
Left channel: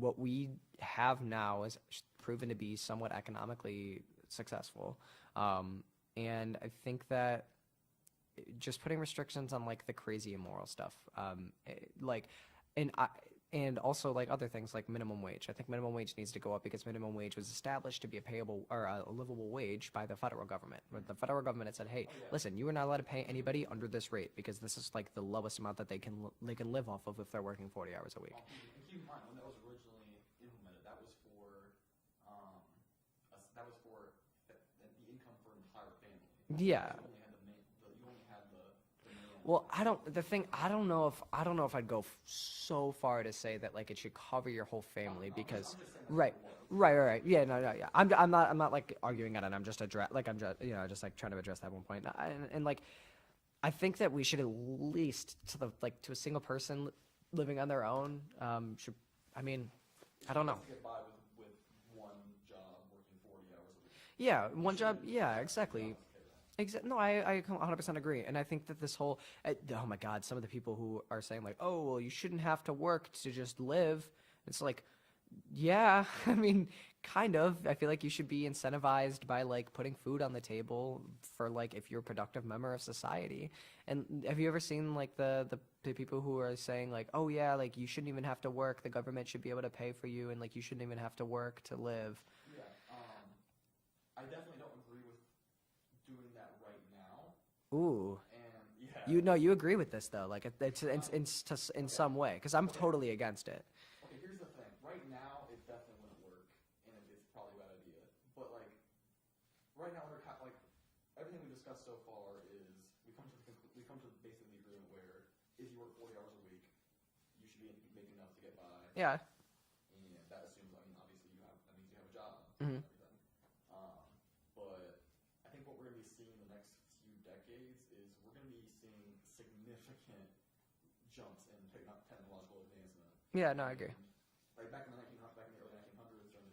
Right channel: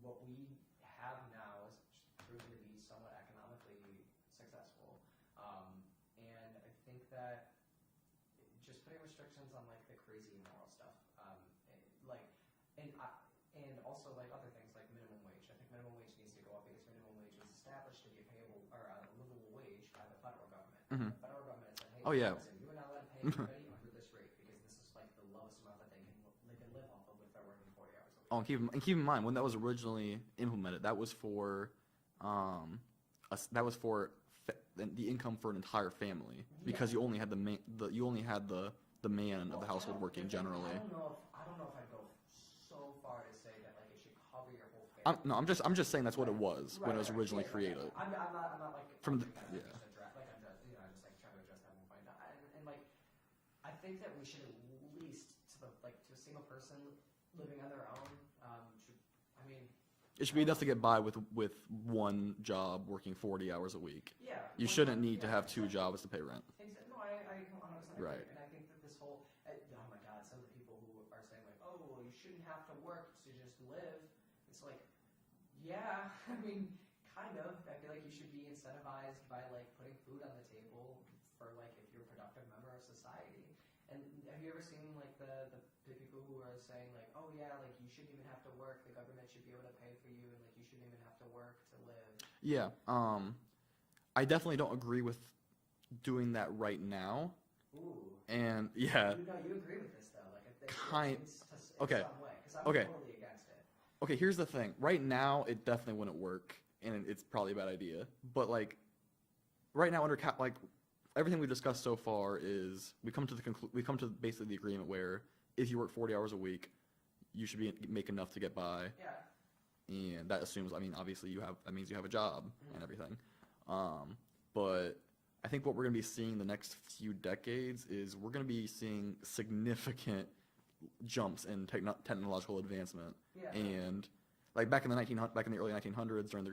what we have now is proven to be somewhat economically successful. And I think that just putting restrictions on like the crazy immoral stuff, and also like other things like minimum wage. I think minimum wage needs to go up because minimum wage was established to be a payable or a livable wage by the federal government. The federal government had said, hey, listen, you are not allowed to pay anybody under this rate because this is like the lowest amount that they can live off of if they're working 40 hours a week. Oh, and keep in mind, when that was originally implemented, that was for the income for an entire family. Yeah. Because you only had the man in well, the household working. I don't know if I'd go so far to say that like it should cover your whole family. I'm just saying that's what it was. Right. Yeah. I'm not like arguing on it. I'm just just like trying to address that one point. And like, I think that we should at least to a single person living on their own it should be enough to get by with one job working 40 hours a week. Yeah, you shouldn't need to have two jobs to pay rent. No, I 100% agree. Right. And I think that this whole, oh my God, some of the people who are saying like, oh, well, you shouldn't have to work to just live. It's like, yeah, I mean, kind of. I feel like you should be incentivized by like putting food on the table for like if you're a productive member of society. And have you ever seen like the people who are saying like, oh yeah, like you shouldn't even have to work, the government should be able to pay for you, and like you shouldn't even have to work to live? Yeah, I definitely don't agree with doing that right now. Ooh. And yeah, you agree with this though, like it's in some way, because I'm totally against it. Okay, here's the thing. Right now, it definitely wouldn't work, and it's probably a bad idea. But like, right now under everything we've discussed so far is we come to basically the agreement where if you work 40 hours a week, you should make enough to get by. Yeah. And that assumes, obviously that means you have a job and everything. But I think what we're going to be seeing the next few decades is we're going to be seeing significant jumps in technological advancement. Yeah, no, and like back in the early 1900s, during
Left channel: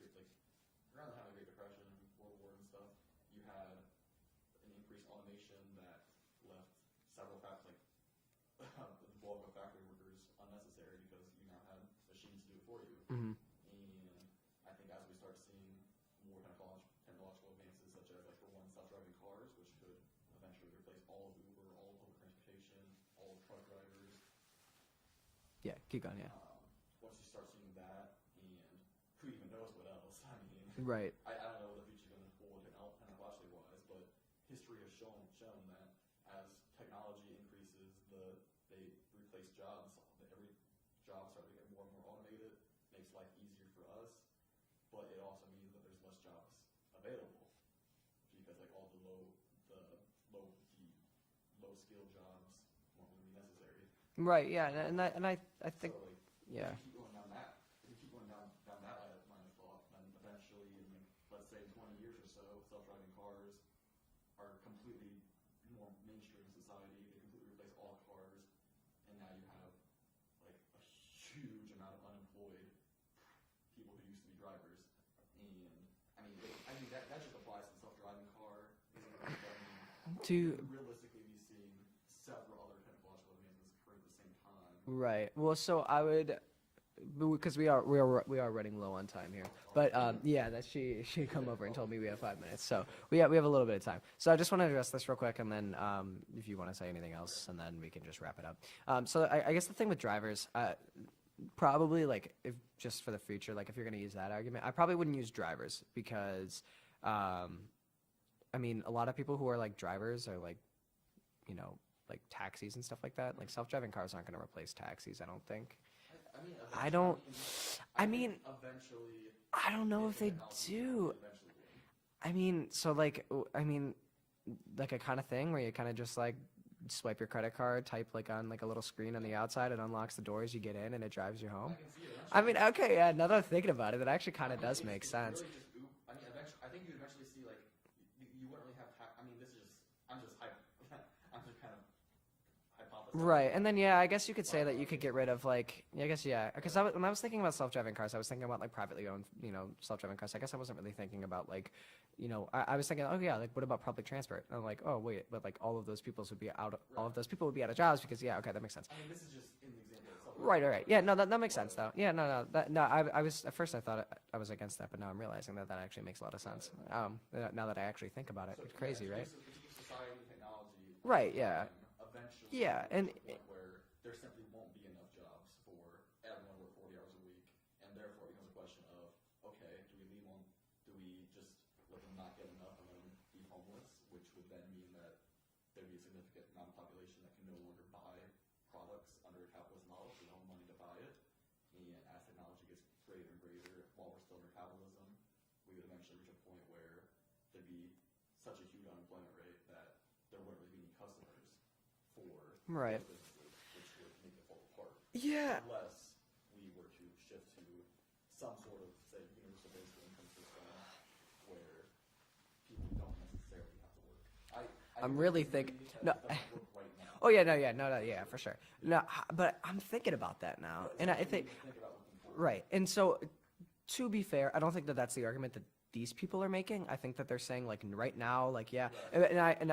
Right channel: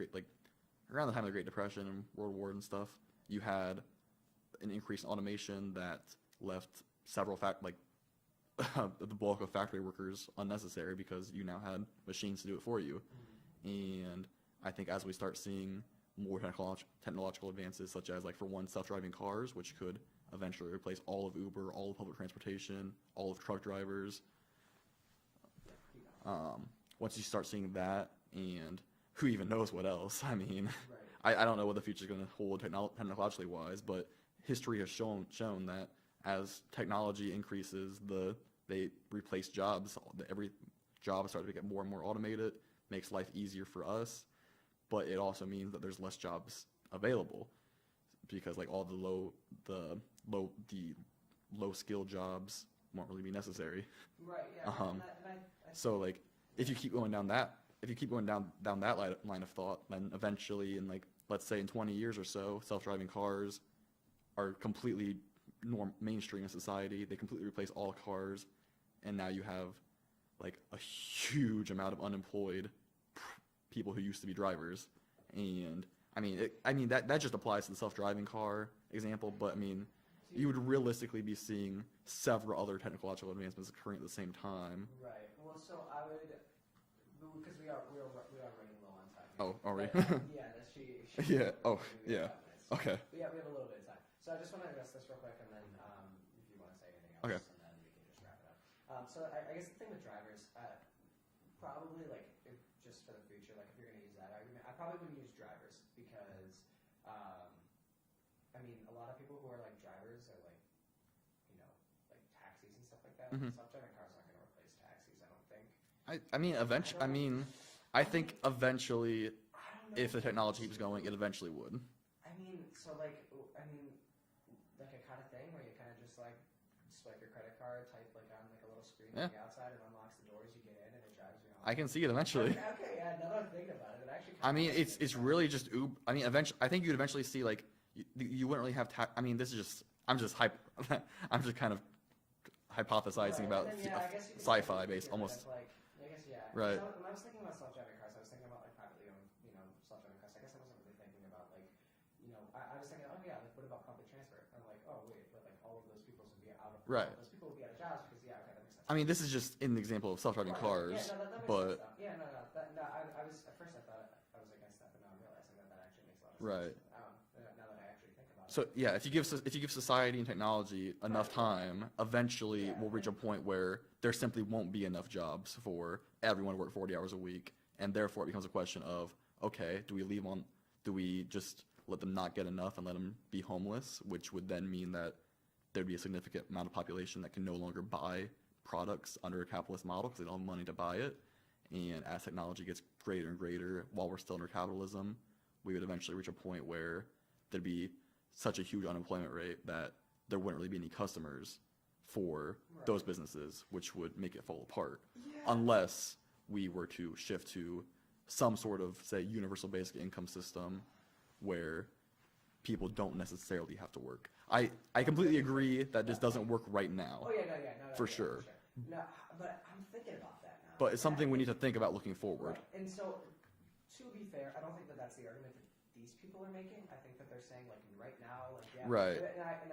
around the time of the Great Depression and World War and stuff, you had an increase in automation that left several the bulk of factory workers unnecessary because you now had machines to do it for you. And I think as we start seeing more technological advances, such as like for one, self-driving cars, which could eventually replace all of Uber, all of public transportation, all of truck drivers. Yeah, keep going. Yeah. Once you start seeing that, and who even knows what else? I mean, right. I don't know what the future is going to hold technologically wise, but history has shown that as technology increases, they replace jobs. Every job starts to get more and more automated, makes life easier for us, but it also means that there's less jobs available because like all the low skill jobs won't really be necessary. Right. Yeah. And I think so. Like, if you keep going down that line of thought, then eventually, in like let's say in 20 years or so, self-driving cars are completely mainstream in society. They completely replace all cars, and now you have like a huge amount of unemployed people who used to be drivers, and I mean that just applies to the self-driving car example, but I mean you would realistically be seeing several other technological advancements occurring at the same time. Right. Well, so I would, because we are running low on time here. Oh, but yeah, that she came over and told me we had 5 minutes, so okay. we have a little bit of time. So I just want to address this real quick, and then if you want to say anything else, Okay. and then we can just wrap it up. So I guess the thing with drivers, probably like if just for the future, like if you're going to use that argument, I probably wouldn't use drivers because, I mean, a lot of people who are like drivers are like, you know, like taxis and stuff like that. Like self-driving cars aren't going to replace taxis, I don't think. I mean, eventually. I think eventually, I don't know if the technology keeps going, it eventually would. I mean, so like, like a kind of thing where you kind of just like swipe your credit card, type like on like a little screen on the outside, it unlocks the doors, you get in, and it drives you home. I can see it eventually. I mean, okay, yeah. Now that I'm thinking about it, it actually kind of does make sense. It's really just Uber. I mean, eventually, I think you'd eventually see like you wouldn't really have. I mean, this is just. I'm just kind of hypothesizing. Right, and then I guess you could say that you could get rid almost. of like I guess because Right. when I was thinking about self-driving cars, I was thinking about like privately owned self-driving cars. I guess I wasn't really thinking about like I was thinking, oh yeah, like what about public transport? And I'm like, oh wait, but like all of those people would be out. Right. All of those people would be out of jobs because okay, that makes sense. I mean, this is just an example of self-driving Right. cars. Yeah, no, that makes sense though. Yeah, no. I was at first I thought I was against that, but now I'm realizing that actually makes a lot of sense. Right. Now that I actually think about it. So yeah, if you give society and technology enough time, eventually we'll reach a point where there simply won't be enough jobs for everyone to work 40 hours a week, and therefore it becomes a question of, okay, do we just let them not get enough and let them be homeless, which would then mean that there'd be a significant amount of population that can no longer buy products under a capitalist model because they don't have money to buy it. And as technology gets greater and greater while we're still under capitalism, we would eventually reach a point where there'd be such a huge unemployment rate that there wouldn't really be any customers for those businesses, which would make it fall apart. Yeah. Unless we were to shift to some sort of, say, universal basic income system where people don't necessarily have to work. I completely agree that this doesn't work right now. Oh yeah, no, for yeah, sure. For sure. No, but I'm thinking about that now. But it's something we need to think about looking forward. Right, and so to be fair, I don't think that that's the argument that these people are making. I think that they're saying like right now, like right.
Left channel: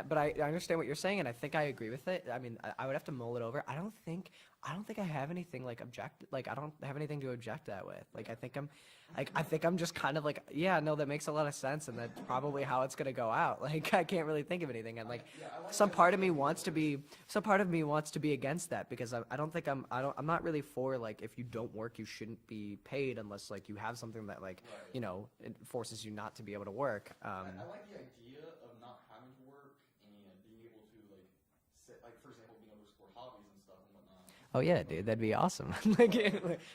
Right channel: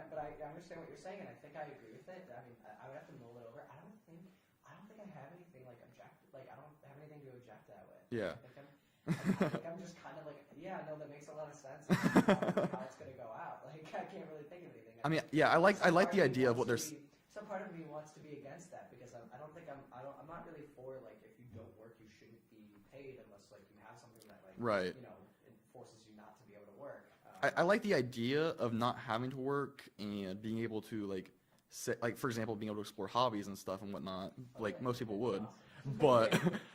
But I understand what you're saying, and I think I agree with it. I mean, I would have to mull it over. I don't think I have anything like I don't have anything to object that with. Like, I think I'm just kind of like, that makes a lot of sense, and that's probably how it's gonna go out. Like I can't really think of anything. And I mean, I like the idea of what so part of me wants to be against that because I'm not really for like if you don't work you shouldn't be paid unless like you have something that like it forces you not to be able to work. I like the idea of not having to work and being able to like for example, being able to explore hobbies and stuff and whatnot. Oh like yeah, dude, that'd be awesome. But,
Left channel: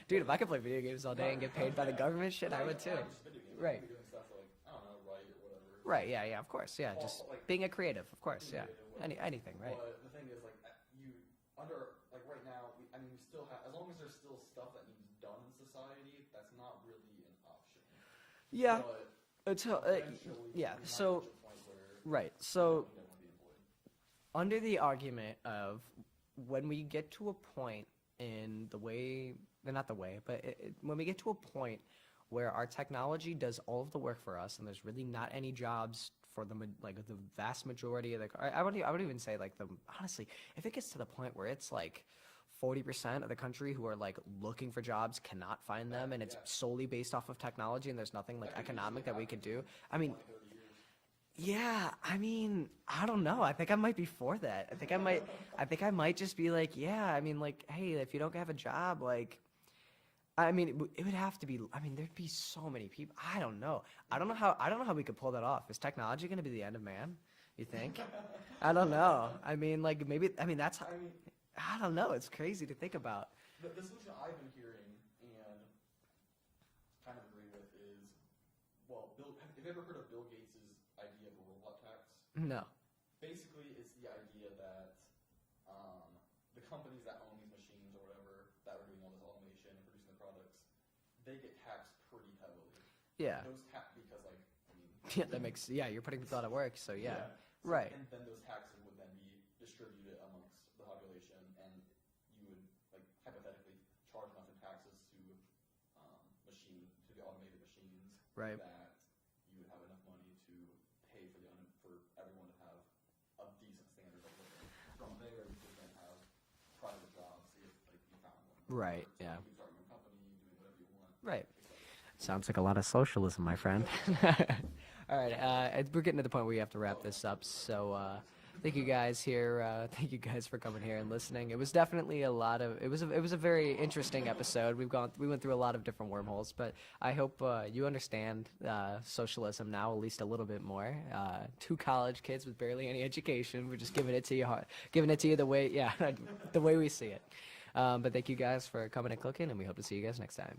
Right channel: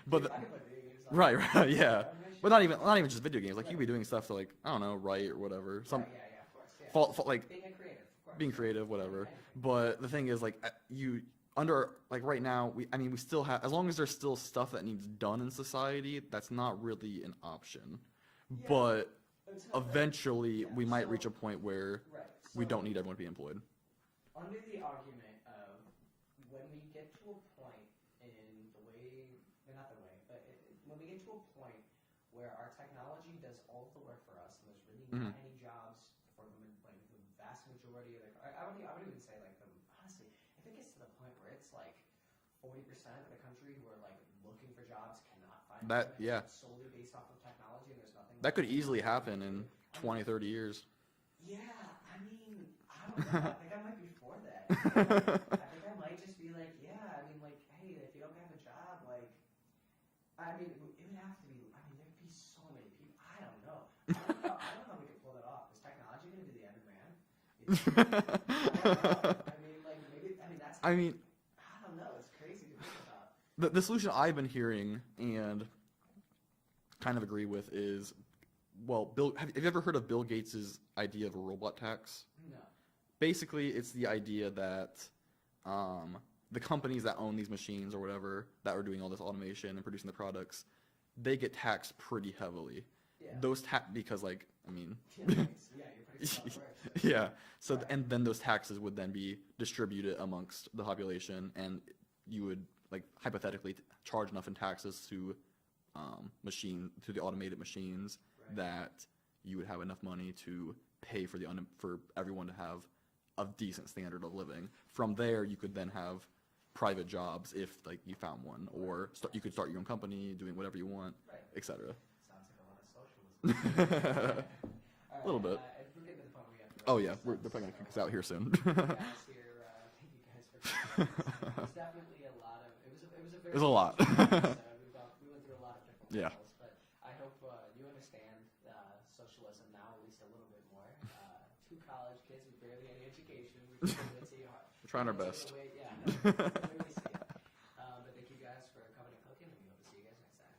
dude, if I could play video games all right, yeah. Government shit, well, not even just video games. Like you could be doing stuff to like I don't know, write or whatever. Right. Yeah. Of course. Yeah. Like being a creative, of course. Being creative, whatever. Anything. Right. But the thing is, like you under like right now, we still have as long as there's still stuff that needs done in society, that's not really an option. Yeah. But eventually, we might reach a point where we don't need everyone to be employed. Under the argument of when we get to a point in the way, not the way, but when we get to a point where our technology does all of the work for us and there's really not any jobs for the vast majority of I would even say honestly, if it gets to the point where it's like 40% of the country who are like looking for jobs cannot find them and it's solely based off of technology and there's nothing that could easily happen in 20, 30 years. Yeah, I mean, I don't know. I think I might be for that. I think I might just be like, hey, if you don't have a job, it would have to be. I mean, there'd be so many people. I don't know. I don't know how we could pull that off. Is technology going to be the end of man? You think? I don't know. I mean, maybe. I mean, that's. I don't know. It's crazy to think about. The solution I've been hearing and kind of agree with is. Well, have you ever heard of Bill Gates' idea of a robot tax? No. Basically, it's the idea that the companies that own these machines or whatever that are doing all this automation and producing the products, they get taxed pretty heavily. Yeah. Because you're putting this out of work. So yeah. And then those taxes would then be distributed amongst the population, and you would like hypothetically charge enough in taxes to the automated machines Right. that you would have enough money to pay for for everyone to have a decent standard of living. From there, you could then have private jobs if like you found one, Right, or yeah. you could start your own company, doing whatever you want, Right. etc. Sounds like a lot of socialism, my friend. All Little right, we're getting to the point where we have to wrap Oh yeah, this we're up. putting So this out here soon. thank you guys here. Thank you guys for coming here and listening. It was definitely a lot of. It was a very a lot. interesting episode. We went through a lot of different Yeah. wormholes, but I hope you understand socialism now at least a little bit more. Two college kids with barely any education. We're just giving it to you hard, Trying giving our it to you the best. way, the way we see it. But thank you guys for coming and clicking, and we hope to see you guys next time.